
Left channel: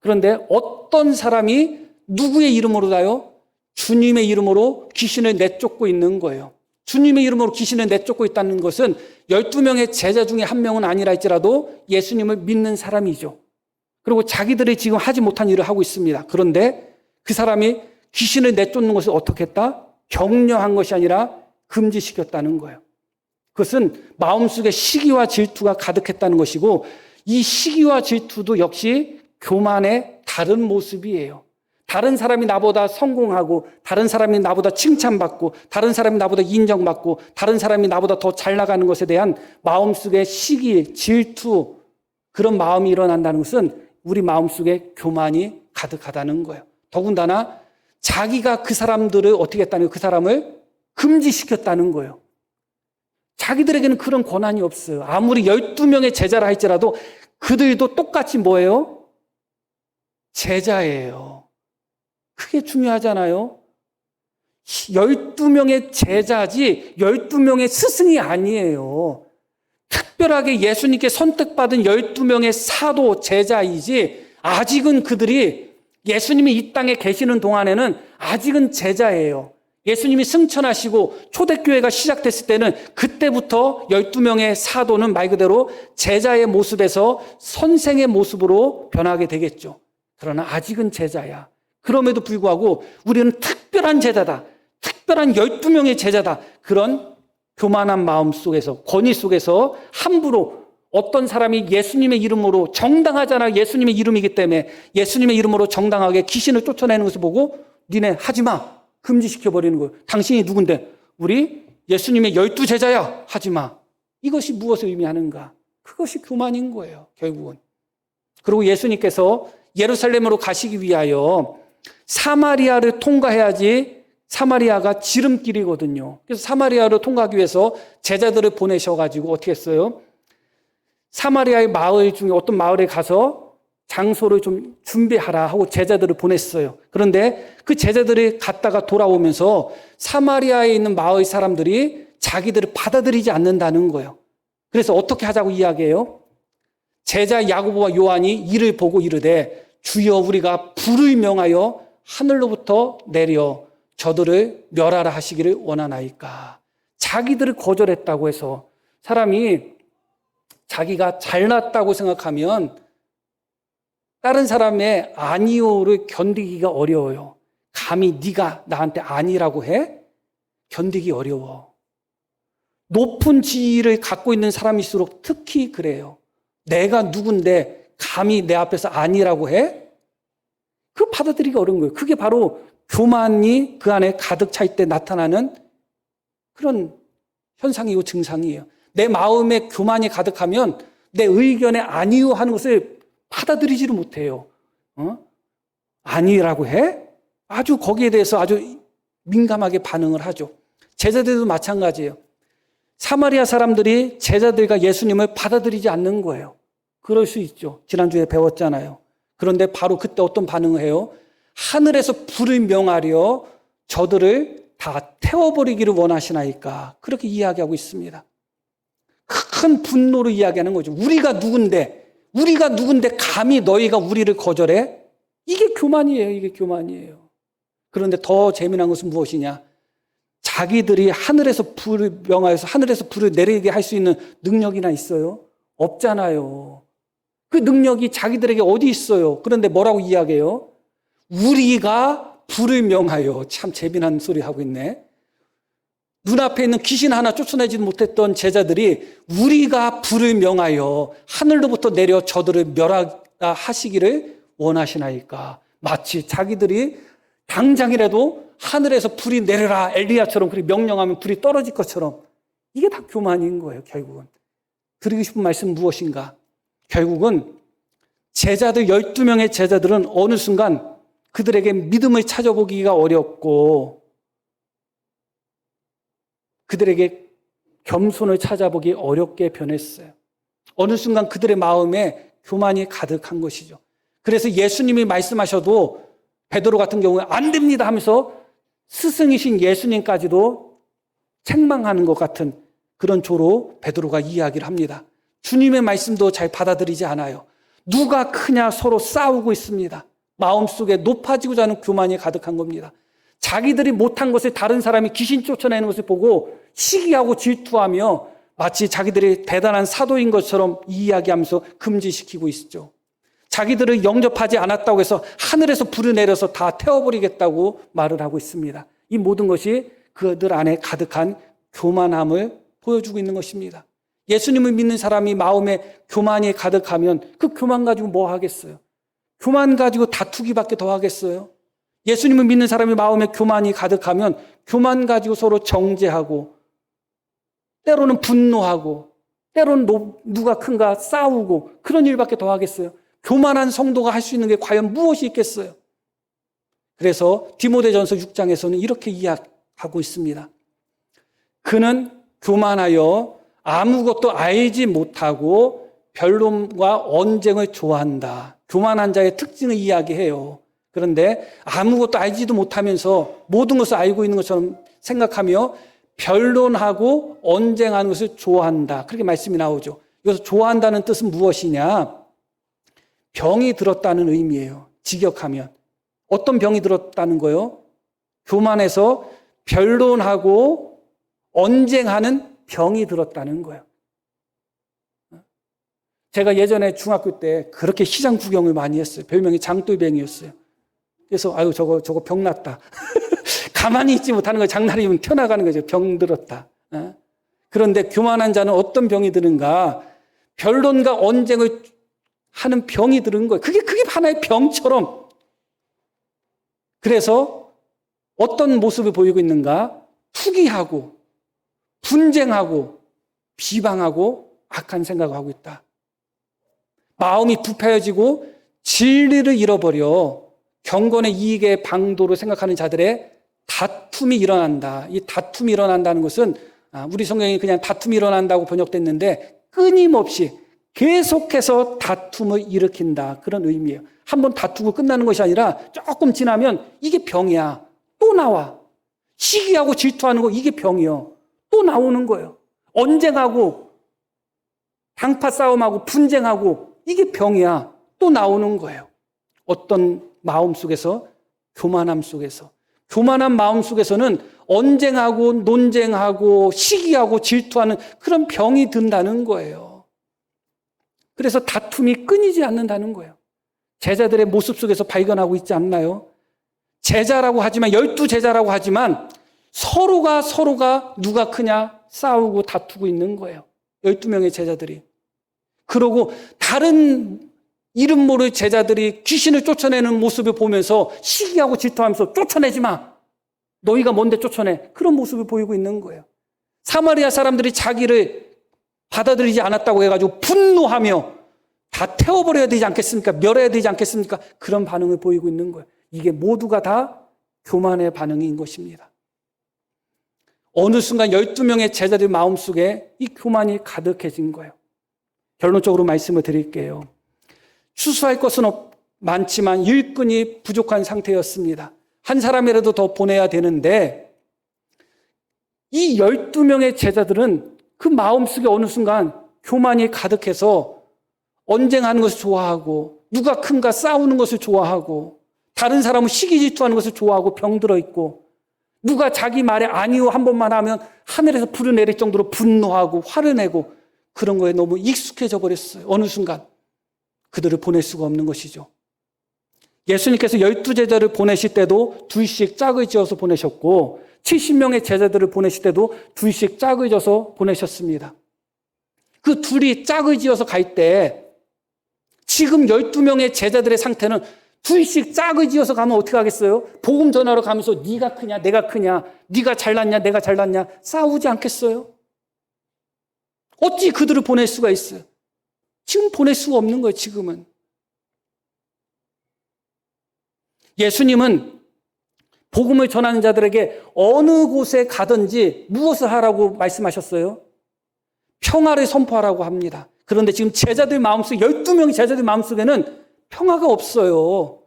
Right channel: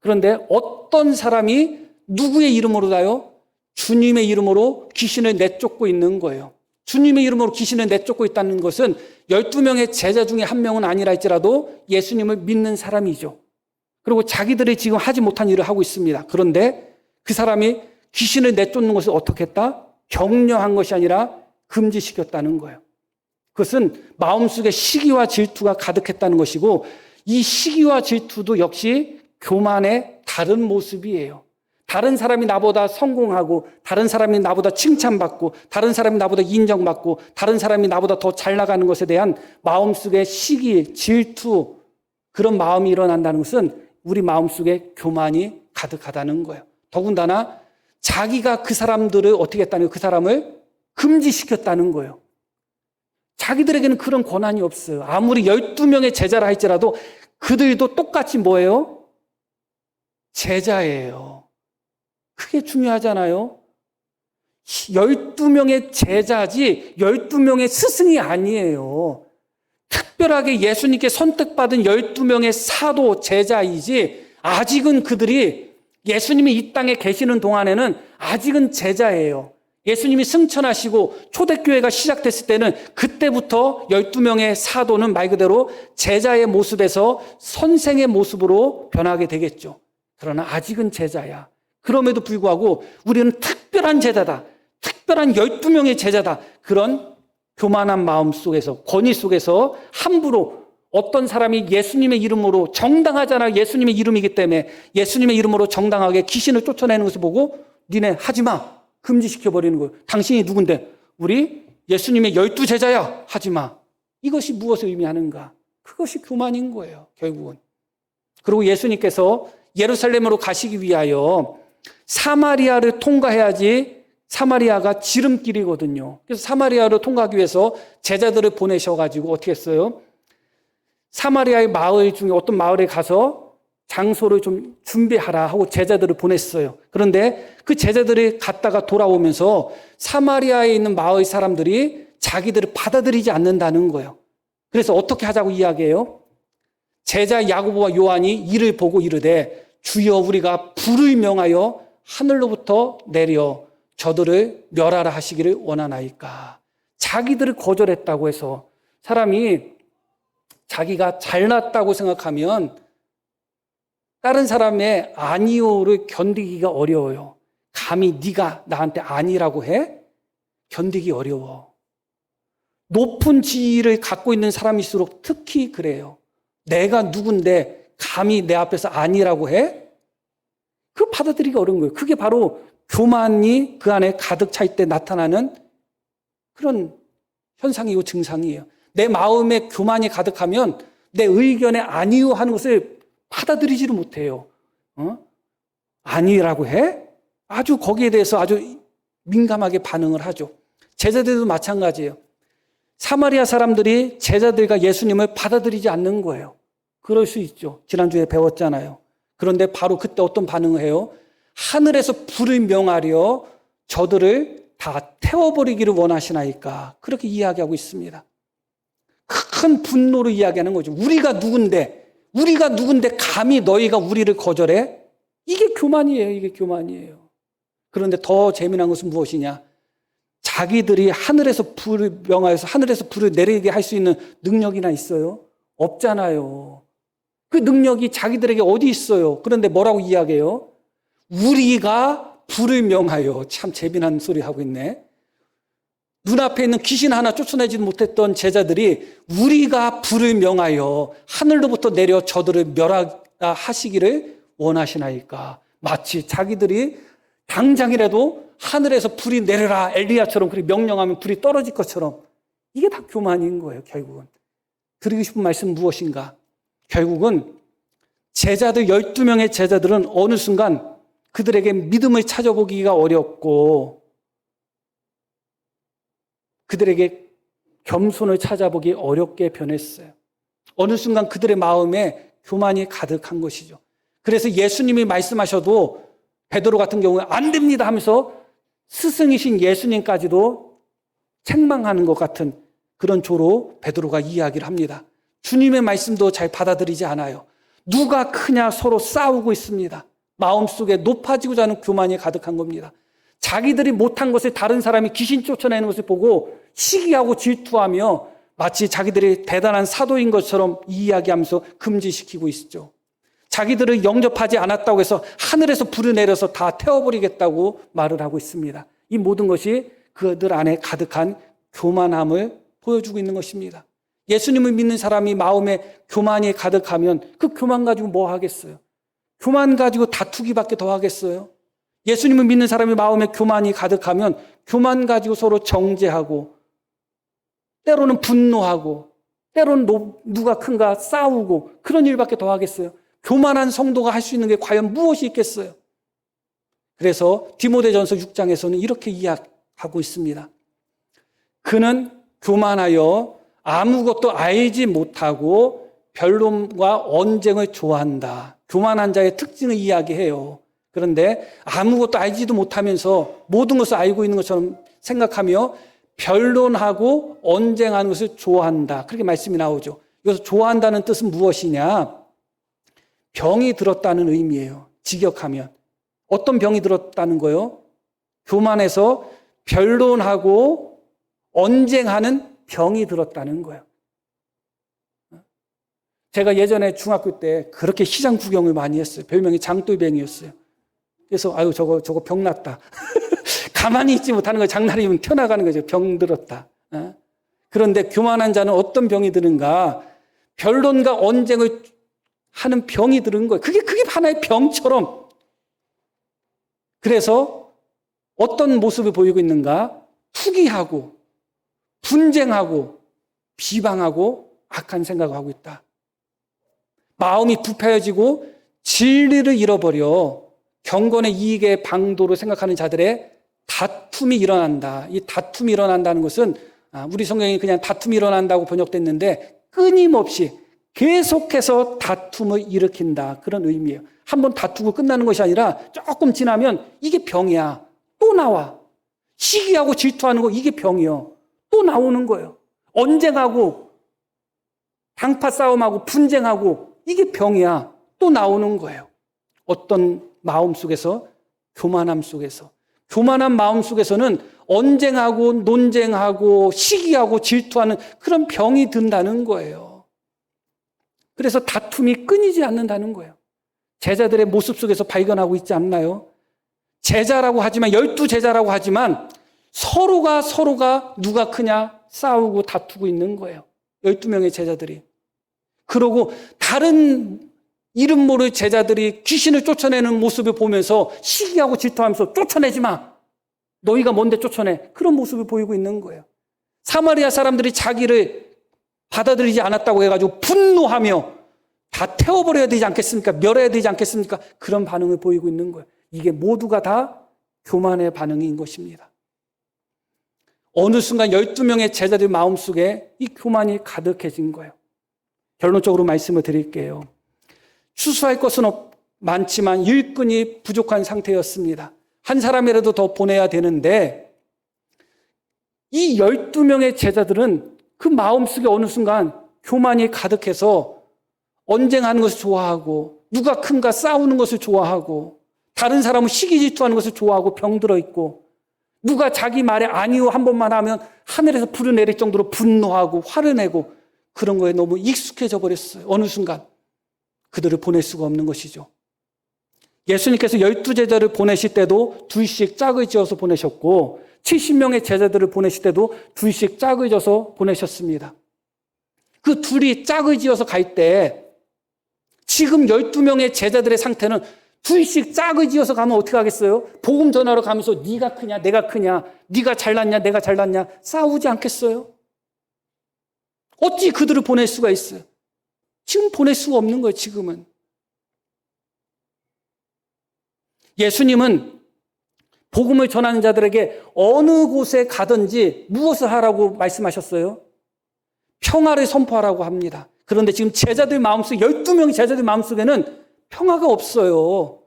그런데 어떤 사람이 누구의 이름으로다요? 주님의 이름으로 귀신을 내쫓고 있는 거예요. 주님의 이름으로 귀신을 내쫓고 있다는 것은 12명의 제자 중에 한 명은 아니라 할지라도 예수님을 믿는 사람이죠. 그리고 자기들이 지금 하지 못한 일을 하고 있습니다. 그런데 그 사람이 귀신을 내쫓는 것을 어떻게 했다? 격려한 것이 아니라 금지시켰다는 거예요. 그것은 마음속에 시기와 질투가 가득했다는 것이고 이 시기와 질투도 역시 교만의 다른 모습이에요. 다른 사람이 나보다 성공하고 다른 사람이 나보다 칭찬받고 다른 사람이 나보다 인정받고 다른 사람이 나보다 더 잘 나가는 것에 대한 마음속의 시기, 질투 그런 마음이 일어난다는 것은 우리 마음속에 교만이 가득하다는 거예요. 더군다나 자기가 그 사람들을 어떻게 했다는 거예요? 그 사람을 금지시켰다는 거예요. 자기들에게는 그런 권한이 없어요. 아무리 12명의 제자라 할지라도 그들도 똑같이 뭐예요? 제자예요. 그게 중요하잖아요. 12명의 제자지 12명의 스승이 아니에요. 특별하게 예수님께 선택받은 12명의 사도 제자이지 아직은 그들이 예수님이 이 땅에 계시는 동안에는 아직은 제자예요. 예수님이 승천하시고 초대교회가 시작됐을 때는 그때부터 12명의 사도는 말 그대로 제자의 모습에서 선생의 모습으로 변하게 되겠죠. 그러나 아직은 제자야. 그럼에도 불구하고 우리는 특별한 제자다. 특별한 12명의 제자다. 그런 교만한 마음 속에서, 권위 속에서 함부로 어떤 사람이 예수님의 이름으로 정당하잖아. 예수님의 이름이기 때문에 예수님의 이름으로 정당하게 귀신을 쫓아내는 것을 보고 니네 하지마. 금지시켜버리는 거예요. 당신이 누군데? 우리 예수님의 12제자야. 하지마. 이것이 무엇을 의미하는가? 그것이 교만인 거예요. 결국은. 그리고 예수님께서 예루살렘으로 가시기 위하여 사마리아를 통과해야지 사마리아가 지름길이거든요. 그래서 사마리아를 통과하기 위해서 제자들을 보내셔가지고 어떻게 했어요? 사마리아의 마을 중에 어떤 마을에 가서 장소를 좀 준비하라 하고 제자들을 보냈어요. 그런데 그 제자들이 갔다가 돌아오면서 사마리아에 있는 마을 사람들이 자기들을 받아들이지 않는다는 거예요. 그래서 어떻게 하자고 이야기해요? 제자 야고보와 요한이 이를 보고 이르되 주여 우리가 불을 명하여 하늘로부터 내려 저들을 멸하라 하시기를 원하나이까. 자기들을 거절했다고 해서 사람이 자기가 잘났다고 생각하면 다른 사람의 아니오를 견디기가 어려워요. 감히 네가 나한테 아니라고 해? 견디기 어려워. 높은 지위를 갖고 있는 사람일수록 특히 그래요. 내가 누군데 감히 내 앞에서 아니라고 해? 그거 받아들이기가 어려운 거예요. 그게 바로 교만이 그 안에 가득 차 있을 때 나타나는 그런 현상이고 증상이에요. 내 마음에 교만이 가득하면 내 의견에 아니요 하는 것을 받아들이지를 못해요. 아니라고 해? 아주 거기에 대해서 아주 민감하게 반응을 하죠. 제자들도 마찬가지예요. 사마리아 사람들이 제자들과 예수님을 받아들이지 않는 거예요. 그럴 수 있죠. 지난주에 배웠잖아요. 그런데 바로 그때 어떤 반응을 해요? 하늘에서 불을 명하려 저들을 다 태워버리기를 원하시나이까. 그렇게 이야기하고 있습니다. 큰 분노를 이야기하는 거죠. 우리가 누군데 감히 너희가 우리를 거절해? 이게 교만이에요. 이게 교만이에요. 그런데 더 재미난 것은 무엇이냐? 자기들이 하늘에서 불을 명하여서 하늘에서 불을 내리게 할 수 있는 능력이나 있어요? 없잖아요. 그 능력이 자기들에게 어디 있어요? 그런데 뭐라고 이야기해요? 우리가 불을 명하여. 참 재미난 소리 하고 있네. 눈앞에 있는 귀신 하나 쫓아내지 못했던 제자들이 우리가 불을 명하여 하늘로부터 내려 저들을 멸하시기를 원하시나이까. 마치 자기들이 당장이라도 하늘에서 불이 내려라 엘리야처럼 그렇게 명령하면 불이 떨어질 것처럼 이게 다 교만인 거예요. 결국은 드리고 싶은 말씀은 무엇인가? 결국은 제자들 12명의 제자들은 어느 순간 그들에게 믿음을 찾아보기가 어렵고 그들에게 겸손을 찾아보기 어렵게 변했어요. 어느 순간 그들의 마음에 교만이 가득한 것이죠. 그래서 예수님이 말씀하셔도 베드로 같은 경우에 안 됩니다 하면서 스승이신 예수님까지도 책망하는 것 같은 그런 조로 베드로가 이야기를 합니다. 주님의 말씀도 잘 받아들이지 않아요. 누가 크냐 서로 싸우고 있습니다. 마음속에 높아지고자 하는 교만이 가득한 겁니다. 자기들이 못한 것을 다른 사람이 귀신 쫓아내는 것을 보고 시기하고 질투하며 마치 자기들이 대단한 사도인 것처럼 이야기하면서 금지시키고 있죠. 자기들을 영접하지 않았다고 해서 하늘에서 불을 내려서 다 태워버리겠다고 말을 하고 있습니다. 이 모든 것이 그들 안에 가득한 교만함을 보여주고 있는 것입니다. 예수님을 믿는 사람이 마음에 교만이 가득하면 그 교만 가지고 뭐 하겠어요? 교만 가지고 다투기밖에 더 하겠어요? 예수님을 믿는 사람이 마음에 교만이 가득하면 교만 가지고 서로 정죄하고 때로는 분노하고 때로는 누가 큰가 싸우고 그런 일밖에 더 하겠어요? 교만한 성도가 할 수 있는 게 과연 무엇이 있겠어요? 그래서 디모데전서 6장에서는 이렇게 이야기하고 있습니다. 그는 교만하여 아무것도 알지 못하고 변론과 언쟁을 좋아한다. 교만한 자의 특징을 이야기해요. 그런데 아무것도 알지도 못하면서 모든 것을 알고 있는 것처럼 생각하며 변론하고 언쟁하는 것을 좋아한다. 그렇게 말씀이 나오죠. 여기서 좋아한다는 뜻은 무엇이냐? 병이 들었다는 의미예요. 직역하면. 어떤 병이 들었다는 거요? 교만해서 변론하고 언쟁하는 병이 들었다는 거예요. 제가 예전에 중학교 때 그렇게 시장 구경을 많이 했어요. 별명이 장돌뱅이였어요. 그래서 아유 저거 병 났다. 가만히 있지 못하는 거 장난이면 튀어나가는 거죠. 병 들었다. 그런데 교만한 자는 어떤 병이 드는가? 변론과 언쟁을 하는 병이 드는 거예요. 그게 하나의 병처럼. 그래서 어떤 모습을 보이고 있는가? 투기하고 분쟁하고 비방하고 악한 생각을 하고 있다. 마음이 부패해지고 진리를 잃어버려 경건의 이익의 방도로 생각하는 자들의 다툼이 일어난다. 이 다툼이 일어난다는 것은 우리 성경이 그냥 다툼이 일어난다고 번역됐는데 끊임없이 계속해서 다툼을 일으킨다. 그런 의미예요. 한번 다투고 끝나는 것이 아니라 조금 지나면 이게 병이야. 또 나와. 시기하고 질투하는 거 이게 병이요. 또 나오는 거예요. 언쟁하고 방파 싸움하고 분쟁하고 이게 병이야. 또 나오는 거예요. 어떤 마음 속에서? 교만함 속에서. 교만한 마음 속에서는 언쟁하고 논쟁하고 시기하고 질투하는 그런 병이 든다는 거예요. 그래서 다툼이 끊이지 않는다는 거예요. 제자들의 모습 속에서 발견하고 있지 않나요? 제자라고 하지만 12제자라고 하지만 서로가 누가 크냐 싸우고 다투고 있는 거예요. 12명의 제자들이. 그러고 다른 이름 모를 제자들이 귀신을 쫓아내는 모습을 보면서 시기하고 질투하면서 쫓아내지 마. 너희가 뭔데 쫓아내. 그런 모습을 보이고 있는 거예요. 사마리아 사람들이 자기를 받아들이지 않았다고 해가지고 분노하며 다 태워버려야 되지 않겠습니까? 멸해야 되지 않겠습니까? 그런 반응을 보이고 있는 거예요. 이게 모두가 다 교만의 반응인 것입니다. 어느 순간 12명의 제자들 마음속에 이 교만이 가득해진 거예요. 결론적으로 말씀을 드릴게요. 추수할 것은 많지만 일꾼이 부족한 상태였습니다. 한 사람이라도 더 보내야 되는데 이 12명의 제자들은 그 마음속에 어느 순간 교만이 가득해서 언쟁하는 것을 좋아하고 누가 큰가 싸우는 것을 좋아하고 다른 사람은 시기 질투하는 것을 좋아하고 병들어 있고 누가 자기 말에 아니요 한 번만 하면 하늘에서 불을 내릴 정도로 분노하고 화를 내고 그런 거에 너무 익숙해져 버렸어요. 어느 순간 그들을 보낼 수가 없는 것이죠. 예수님께서 12제자를 보내실 때도 둘씩 짝을 지어서 보내셨고 70명의 제자들을 보내실 때도 둘씩 짝을 지어서 보내셨습니다. 그 둘이 짝을 지어서 갈 때 지금 12명의 제자들의 상태는 둘씩 짝을 지어서 가면 어떻게 하겠어요? 복음 전하러 가면서 네가 크냐 내가 크냐, 네가 잘났냐 내가 잘났냐 싸우지 않겠어요? 어찌 그들을 보낼 수가 있어요? 지금 보낼 수가 없는 거예요. 지금은. 예수님은 복음을 전하는 자들에게 어느 곳에 가든지 무엇을 하라고 말씀하셨어요? 평화를 선포하라고 합니다. 그런데 지금 제자들 마음속에, 12명의 제자들 마음속에는 평화가 없어요.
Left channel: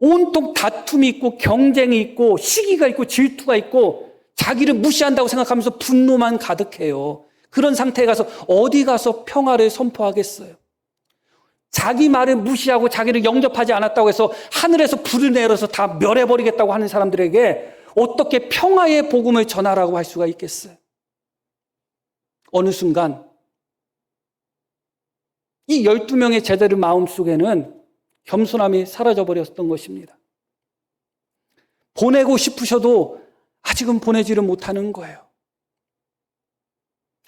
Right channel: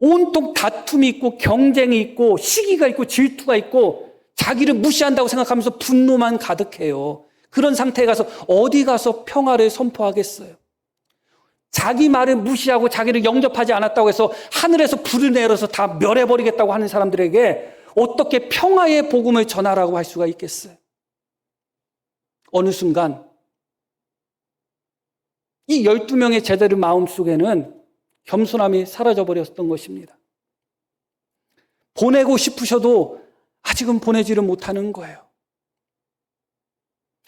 온통 다툼이 있고 경쟁이 있고 시기가 있고 질투가 있고 자기를 무시한다고 생각하면서 분노만 가득해요. 그런 상태에 가서 어디 가서 평화를 선포하겠어요? 자기 말을 무시하고 자기를 영접하지 않았다고 해서 하늘에서 불을 내려서 다 멸해버리겠다고 하는 사람들에게 어떻게 평화의 복음을 전하라고 할 수가 있겠어요? 어느 순간 이 12명의 제자들 마음속에는 겸손함이 사라져버렸던 것입니다. 보내고 싶으셔도 아직은 보내지를 못하는 거예요.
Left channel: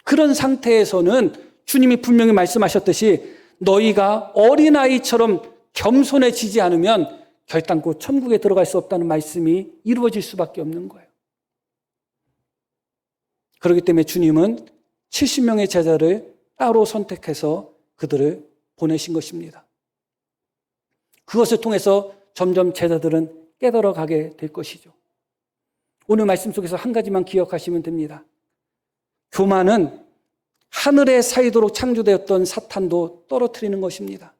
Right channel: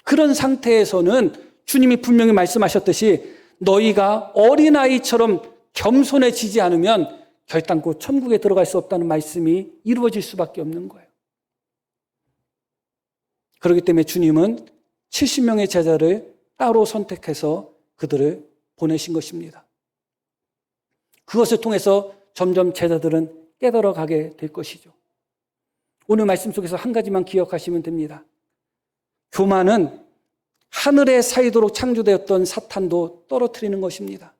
그런 상태에서는 주님이 분명히 말씀하셨듯이 너희가 어린아이처럼 겸손해지지 않으면 결단코 천국에 들어갈 수 없다는 말씀이 이루어질 수밖에 없는 거예요. 그렇기 때문에 주님은 70명의 제자를 따로 선택해서 그들을 보내신 것입니다. 그것을 통해서 점점 제자들은 깨달아가게 될 것이죠. 오늘 말씀 속에서 한 가지만 기억하시면 됩니다. 교만은 하늘에 사이도록 창조되었던 사탄도 떨어뜨리는 것입니다.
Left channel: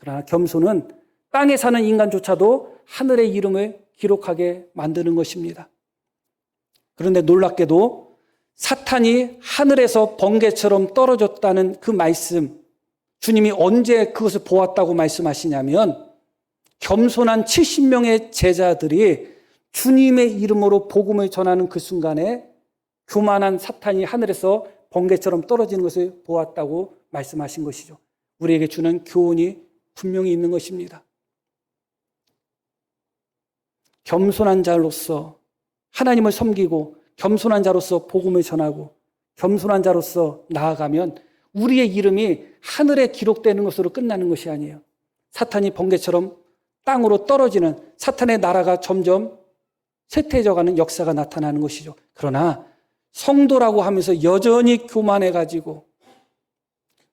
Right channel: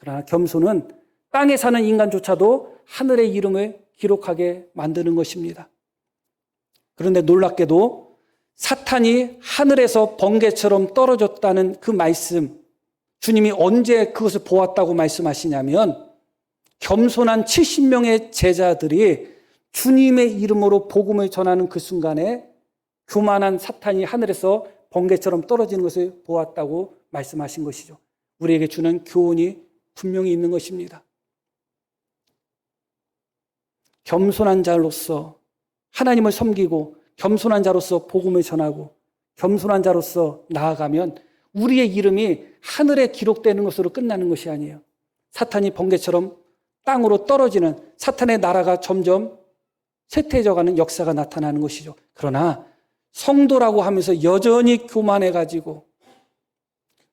그러나 겸손은 땅에 사는 인간조차도 하늘의 이름을 기록하게 만드는 것입니다. 그런데 놀랍게도 사탄이 하늘에서 번개처럼 떨어졌다는 그 말씀, 주님이 언제 그것을 보았다고 말씀하시냐면 겸손한 70명의 제자들이 주님의 이름으로 복음을 전하는 그 순간에 교만한 사탄이 하늘에서 번개처럼 떨어지는 것을 보았다고 말씀하신 것이죠. 우리에게 주는 교훈이 분명히 있는 것입니다. 겸손한 자로서 하나님을 섬기고 겸손한 자로서 복음을 전하고 겸손한 자로서 나아가면 우리의 이름이 하늘에 기록되는 것으로 끝나는 것이 아니에요. 사탄이 번개처럼 땅으로 떨어지는 사탄의 나라가 점점 쇠퇴해져가는 역사가 나타나는 것이죠. 그러나 성도라고 하면서 여전히 교만해가지고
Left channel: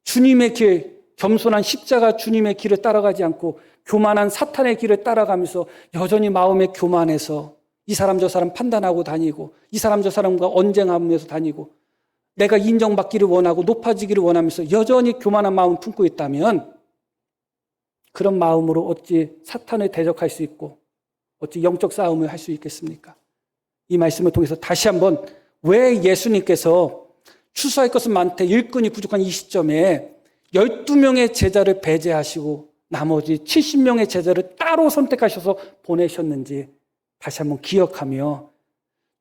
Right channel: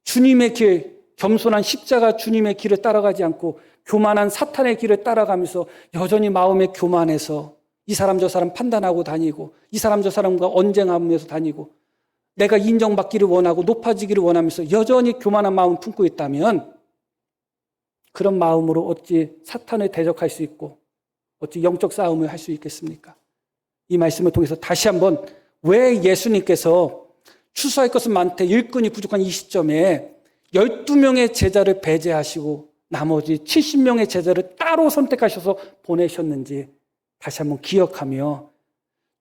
주님의 길, 겸손한 십자가 주님의 길을 따라가지 않고 교만한 사탄의 길을 따라가면서 여전히 마음에 교만해서 이 사람 저 사람 판단하고 다니고 이 사람 저 사람과 언쟁하면서 다니고 내가 인정받기를 원하고 높아지기를 원하면서 여전히 교만한 마음을 품고 있다면 그런 마음으로 어찌 사탄을 대적할 수 있고 어찌 영적 싸움을 할 수 있겠습니까? 이 말씀을 통해서 다시 한번 왜 예수님께서 추수할 것은 많되 일꾼이 부족한 이 시점에 12명의 제자를 배제하시고 나머지 70명의 제자를 따로 선택하셔서 보내셨는지 다시 한번 기억하며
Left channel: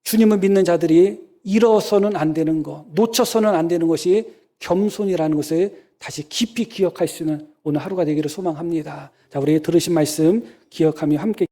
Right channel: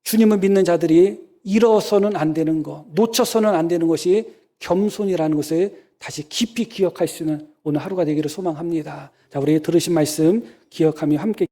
주님을 믿는 자들이 잃어서는 안 되는 것, 놓쳐서는 안 되는 것이 겸손이라는 것을 다시 깊이 기억할 수 있는 오늘 하루가 되기를 소망합니다. 자, 우리 들으신 말씀 기억하며 함께